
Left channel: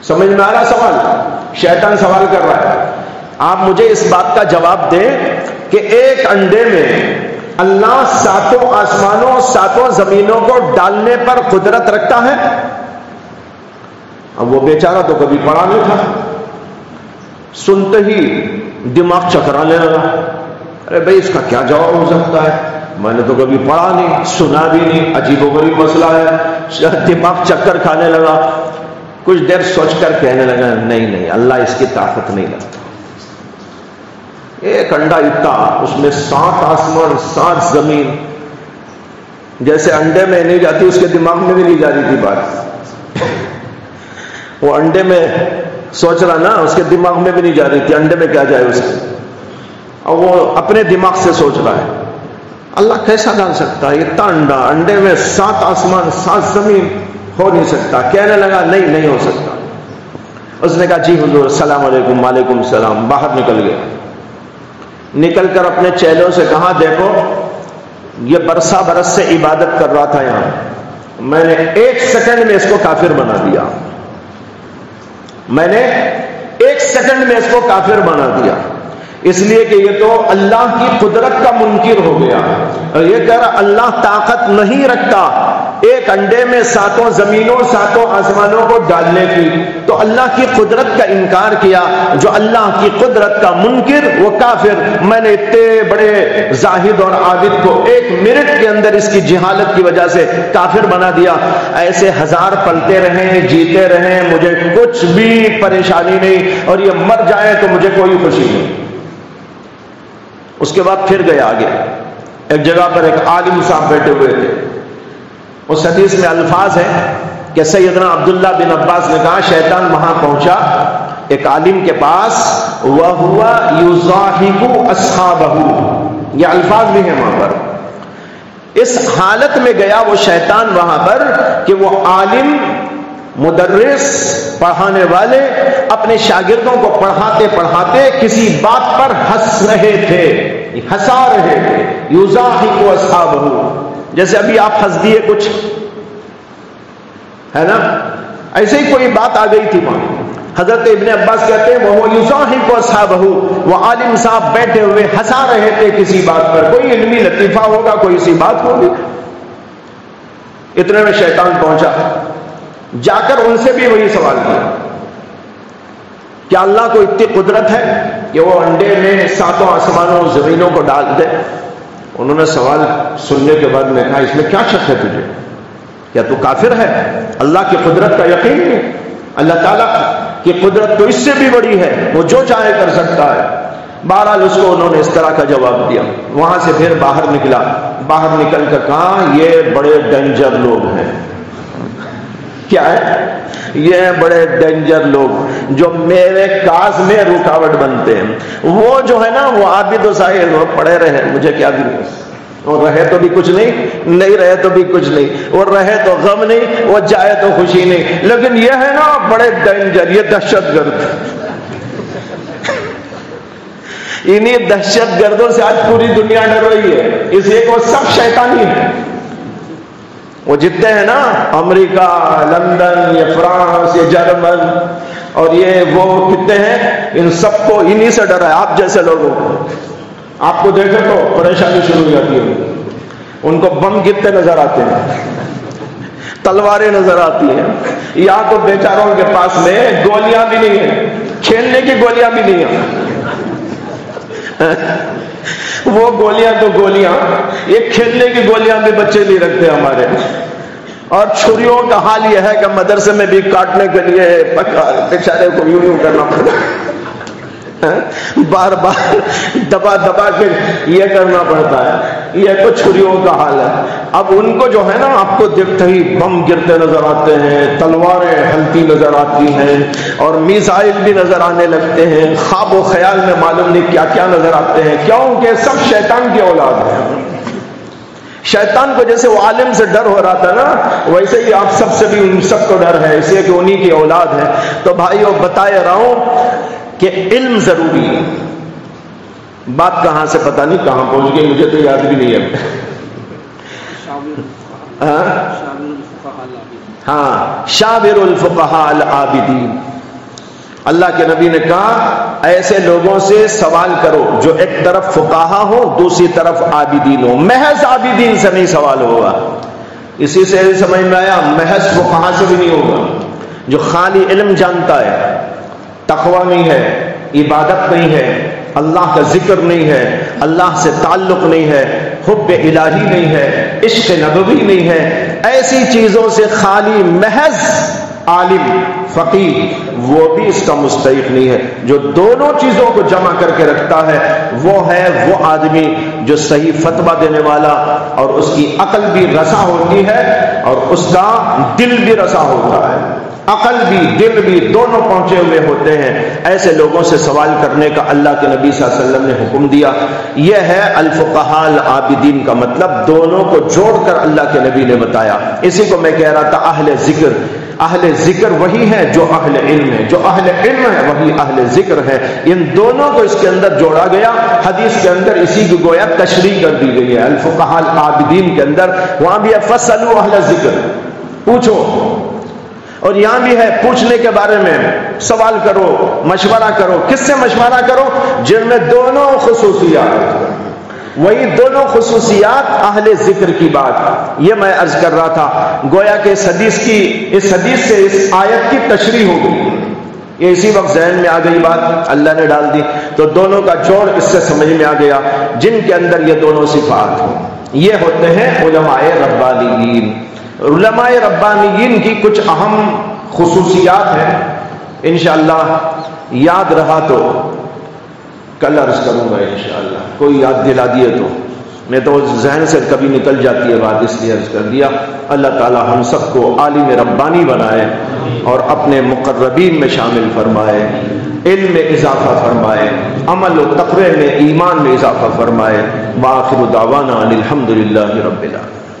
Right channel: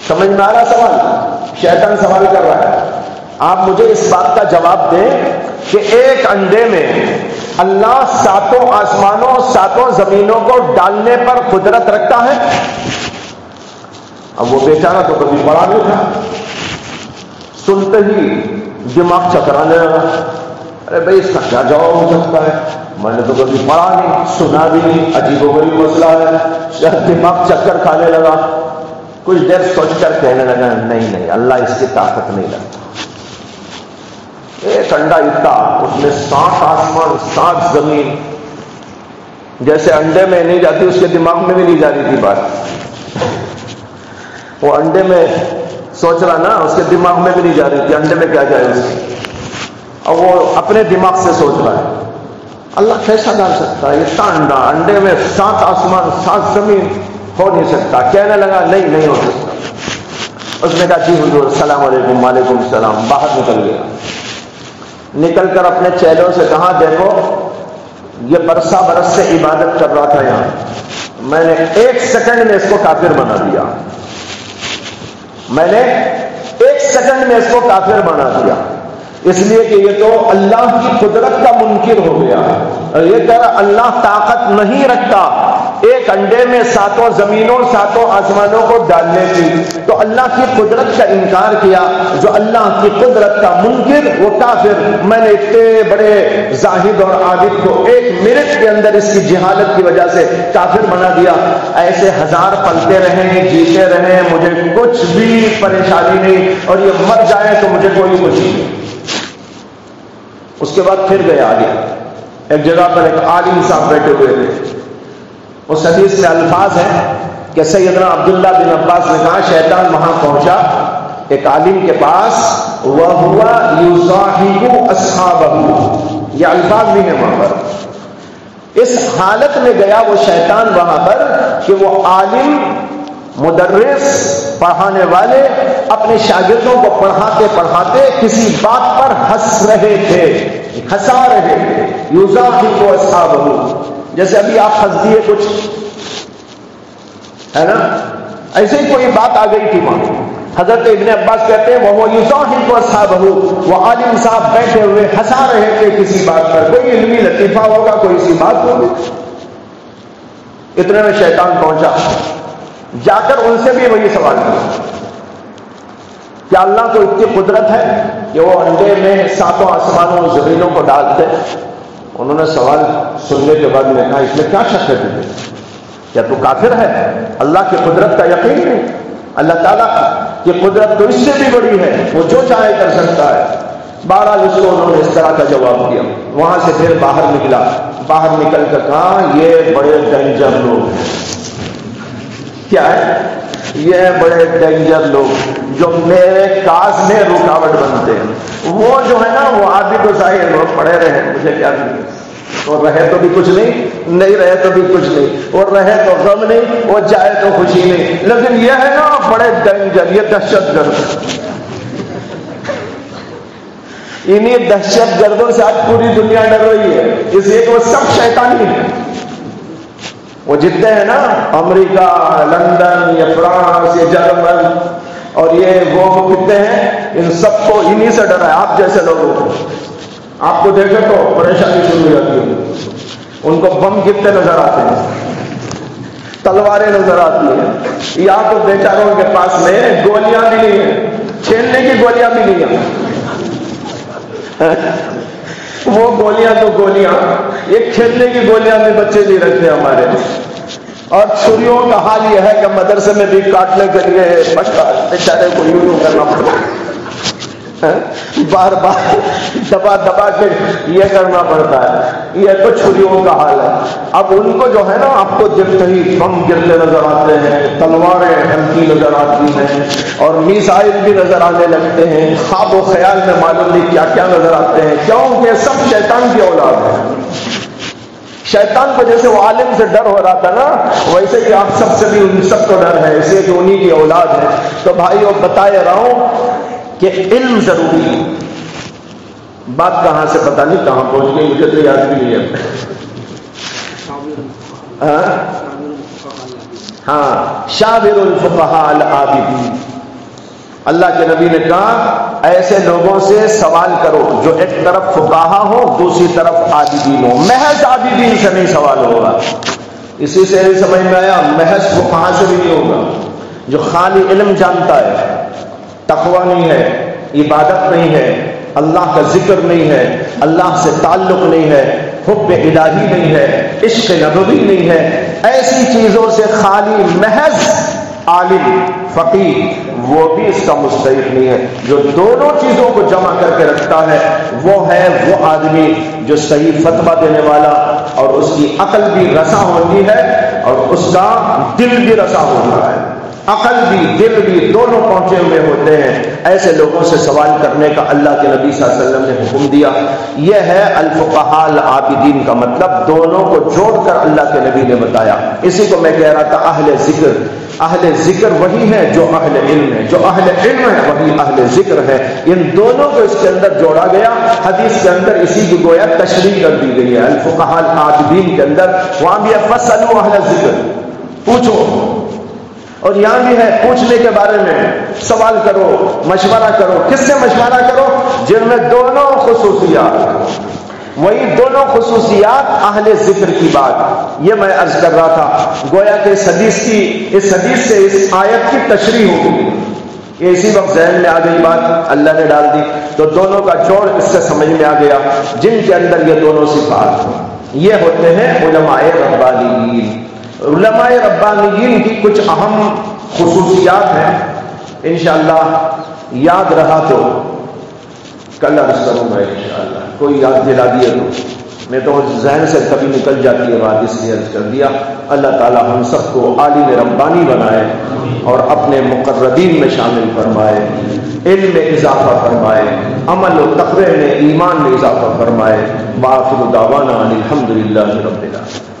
سمجھ میں آ رہا سوال؟ شیطان سوال کر رہا ہے، آپ مجھے اس بات کا جواب دیں کہ ایک انڈے میں اللہ 7 آسمانوں 7 زمینوں کو ڈالنے پر قدرت رکھتا ہے؟ اب وہ بیچارہ تو کبھی پڑھا نہیں تھا، سنتے ہی دماغ چکرانے لگا، ارے بھائی اس کا کیا جواب ہو سکتا ہے، میں نے تو کبھی پڑھا نہیں، سنا بھی نہیں، عجیب و غریب مسئلہ ہے۔ دماغ چکر کھانے لگا، کچھ دیر سوچ کر کہنے لگا نہیں اللہ اس کی طاقت نہیں لگتا، ایک انڈا اتنا، اس میں 7 آسمان 7 زمین، جیسے انڈے میں نہیں جاتی اس کے دماغ میں بھی نہیں جا رہی تھی بات، وہ انڈے میں سوچ رہا نا، اس کے دماغ میں بھی نہیں جا رہی تھی انڈے میں کیا جائے اس کے، اور وہ اپنے دماغ سے سوچ رہا ہے اللہ کیسا ڈال سکتا ہے اتنا انڈا، انڈے میں 7 آسمان 7 زمین، ہو نہیں سکتا۔ کہنے لگا نہیں ہو سکتا۔ اس نے کہا جی حضور السلام علیکم، وعلیکم السلام، باہر نکل گئے، نکل کر اپنے چیلوں سے کہا دیکھو یہ برس سے عبادت کر رہا تھا یہاں، میں نے 1 سیکنڈ میں اس کو کافر بنا دیا، میں نے 1 سیکنڈ میں اس کو کافر بنا دیا، اس لیے کہ یہ تو اللہ کی قدرت کا منکر ہو گیا، اور یہ کہہ رہا اللہ طاقت نہیں رکھتا ایک انڈے میں 7 زمینوں 7 آسمانوں کو ڈالنے کی، تو اللہ کی قدرت کا انکار کیا، جو اللہ کی قدرت کا منکر وہ کافر۔ میں نے اتنے بڑے زاہد اور عابد کو 1 منٹ کے اندر اس کی جہالت کی وجہ سے کافر بنا دیا۔ ایسے 1000 پلتے رہیں، جیتے رہیں، مجھے کچھ بھی پریشانی نہیں، اور یہ مر جائے تو مجھے کوئی خوشی نہیں۔ اس کے بعد پھر گیا آگے، ایک جگہ پر ایک عالم صاحب بیٹھے ہوئے تھے، اس حدیث میں الفاظ ہیں کہ سیدنا عبداللہ بن عباس نے کہا شیطان وہاں پہنچا ایک عالم کے پاس، وَهُوَ يُضَاحِكُ أَصْحَابَهُ، یہ الفاظ بھی ہیں وہاں پر۔ اس حالت میں گیا وہ شیطان وہاں پر کہ وہ عالم مدرس پڑھانے والے اپنے شاگردوں کو پڑھاتے پڑھاتے کسی بات پر ہنس رہے تھے، ہنسا رہے تھے، یضاحک اصحابہ، جیسے ابھی آپ ہنس دیے کچھ ہے نا، ایسے ہی کوئی بات آ گئی تھی وہاں۔ حضرت ابن عباس کہتے ہیں وہ یضاحک اصحابہ، وہ عالم صاحب بیٹھے ہوئے ہنسا رہے تھے کسی بات پر، کوئی علمی لطیفہ ہوگا، کوئی سی بات ہوگی۔ اتنے میں شیطان پہنچا، جا کر ان سے بھی وہی سوال کیا، کیا اللہ کو اتنی قدرت ہے کہ وہ انڈے میں ساتوں آسمانوں زمینوں کو ڈال دے؟ انہوں نے سوال سننے کے بعد میں کہا اس میں کیا شک ہے تجھے؟ کیا تو کافر ہے؟ اللہ کی قدرت کا یقین نہیں؟ اللہ تعالیٰ کی قدرت تو اس سے بھی بڑی ہے، وہ جو چاہے کر سکتا ہے۔ بہرحال اس کو انہوں نے اس طرح کا جواب دیا۔ وہاں سے پھر باہر نکلا، باہر نکل کر کہا یہ بڑے ڈینجر لوگ ہیں۔ کیا ہے؟ یہ بڑے ڈینجر لوگ جو میرے کاز میں رکاوٹ بنتے ہیں۔ وہ جو ہے نا وہ آپ بھی تو ظاہر وہ پڑے رہے، مجھے کیا دیا، اور رہے تو بھی کچھ نہیں، نہیں رہے تو بھی کچھ نہیں، اور رہے تو غم نہیں، اور جائے تو خوشی نہیں، لیکن یہ ہے نا بڑے ڈینجر، یہ دہشت گرد۔ انہیں دہشت گردوں سے آج پوری دنیا ڈر رہی ہے، اس لیے وہ سب شیطانی ہیں۔ وہ جتنے ہیں نا امریکہ، لندن، یا فرانس، یا جرمن، اور یہ وہ کتنے ہیں، ان سب کو انہی سے ڈر ہے، آپ جیسے لوگوں کو۔ آپ کو دیکھے تو پریشانی شروع ہو جاتی ہے، ان کو بم گرتے نظر آتے ہیں، تلواریں نظر آتی ہیں، یا تو بیچاروں کے پاس میں گولیاں بھی نہیں ہیں، کھیلنے کی گولیاں بھی نہیں ہیں۔ وہ گولیاں تو گولیاں، یہ کھیلنے کی گولیاں بھی بچے نہیں رکھتے ہمارے۔ اور چھریوں کا حال یہ ہے کہ مدرسے میں بھی کاٹنے کے لیے بیچارے کو یوں کرنا پڑتا ہے، بار بار دبا دبا کے یہ کرنا پڑتا ہے۔ یہ تو چھریوں کا حال ہے۔ اب ان کو جو ہے نا آپ کو دیکھتے ہی بم گرتے نظر آتے ہیں، تلواریں ہلکی نظر آتی ہیں، اور میزائل بھی نظر آنے لگتے ہیں، خواب و خیال میں معلوم نہیں کیا کیا نظر آتے ہیں، کیونکہ سب شیطان کی اولاد ہے۔ شیطان کو جیسے وہ عالم سے ڈر ہو رہا تھا نا، ویسے ہی آپ سب سے بھی ان سب کو ڈر ہے، اس لیے کہ انہی کی اولاد ہے۔ تو بھائیو بتائے رہا ہوں کہ علم ضروری ہے۔ بات کہاں سے پتہ نہیں کہاں پہنچ گئی، مجھے تو یاد بھی نہیں ہے۔ ہاں، شاور الفقہاء العابدین، اللہ کے نبی نے کہا ایسے لوگوں سے سوال کرو جو ایک طرف فقہا ہو، دوسری طرف عابدین ہو۔ محض عابدین سے نہیں سوال ہوگا، اسی سے سمجھ میں آیا، محض فقہا سے بھی نہیں ہوگا۔ جو خالی علم جانتا ہے، تقویٰ نہیں ہے، عبادت نہیں ہے، اللہ کا ذکر نہیں ہے، اللہ سے تعلق نہیں ہے، حب الہی نہیں ہے، عشق نبوی نہیں ہے، ایسی چیزوں سے خالی محض عالم فقیہ وہ بھی اس کا مستحق نہیں ہے۔ جو دونوں چیزوں کو جمع کر کے رکھتا ہے وہ ہے وہ آدمی جو صحیح فتویٰ دینے والا، اور اس کی عقل بھی رسا ہوتی ہے اور اس کا دل بھی رسا ہوتا ہے، عقل بھی دل بھی دونوں پہنچے ہوئے ہوتے ہیں۔ ایسے لوگوں سے سوال کرنے کا اللہ کے نبی صلی اللہ علیہ وسلم نے حکم دیا۔ یہ ہے الفقہاء العابدین کا مطلب، دونوں کو جوڑ کر اللہ کے نبی نے بتایا۔ اسی کو میں کہہ رہا تھا اہل ذکر، اہل ذکر وہی ہے جو اہل علم ہے، جو اہل علم ہے وہی اہل ذکر ہے۔ ان دونوں کو اس کے اندر جوڑا گیا۔ حدیث کے اندر اسی کی گویا تشریح کر دی گئی ہے الفقہاء العابدین کے اندر، وہاں بھی فاسألوا اہل ذکر، پوچھو، اور یہاں بھی ہے پوچھنے کے بارے میں، سوال کرو، مشورہ کرو۔ کس سے مشورہ کرو؟ جن میں دونوں خصوصیات، وہی دونوں خصوصیات اہل ذکر کی بات۔ یہ میں عرض کر رہا تھا، گویا کہ اس حدیث سے اس آیت کی تشریح ہو گئی، یہ اسی وقت ذہن میں آ گئی بات، اللہ نے ڈال دی، تو دونوں کا جوڑ اس سے سمجھ میں آ گیا۔ جن کے اندر یہ دونوں صفات، یہ ہوتے ہیں علماء ربانیین۔ علماء ربانیین کی کچھ اہم خصوصیات ہیں، انشاءاللہ یاد رہا تو کل عرض کروں گا انشاءاللہ، کوئی یاد دلا دیے تو، میں تو ذہن سے کبھی نکل جاتی ہے بات، اس لیے عرض کر دیا۔ اللہ تعالی ہم سب کو عالم ربانی بنائے اور اپنے مقربین میں شامل فرمائے، علم میں اضافہ فرمائے، عمل و تقوی میں، ایمان میں اضافہ فرمائے۔ وآخر دعوانا ان الحمد للہ رب العالمین۔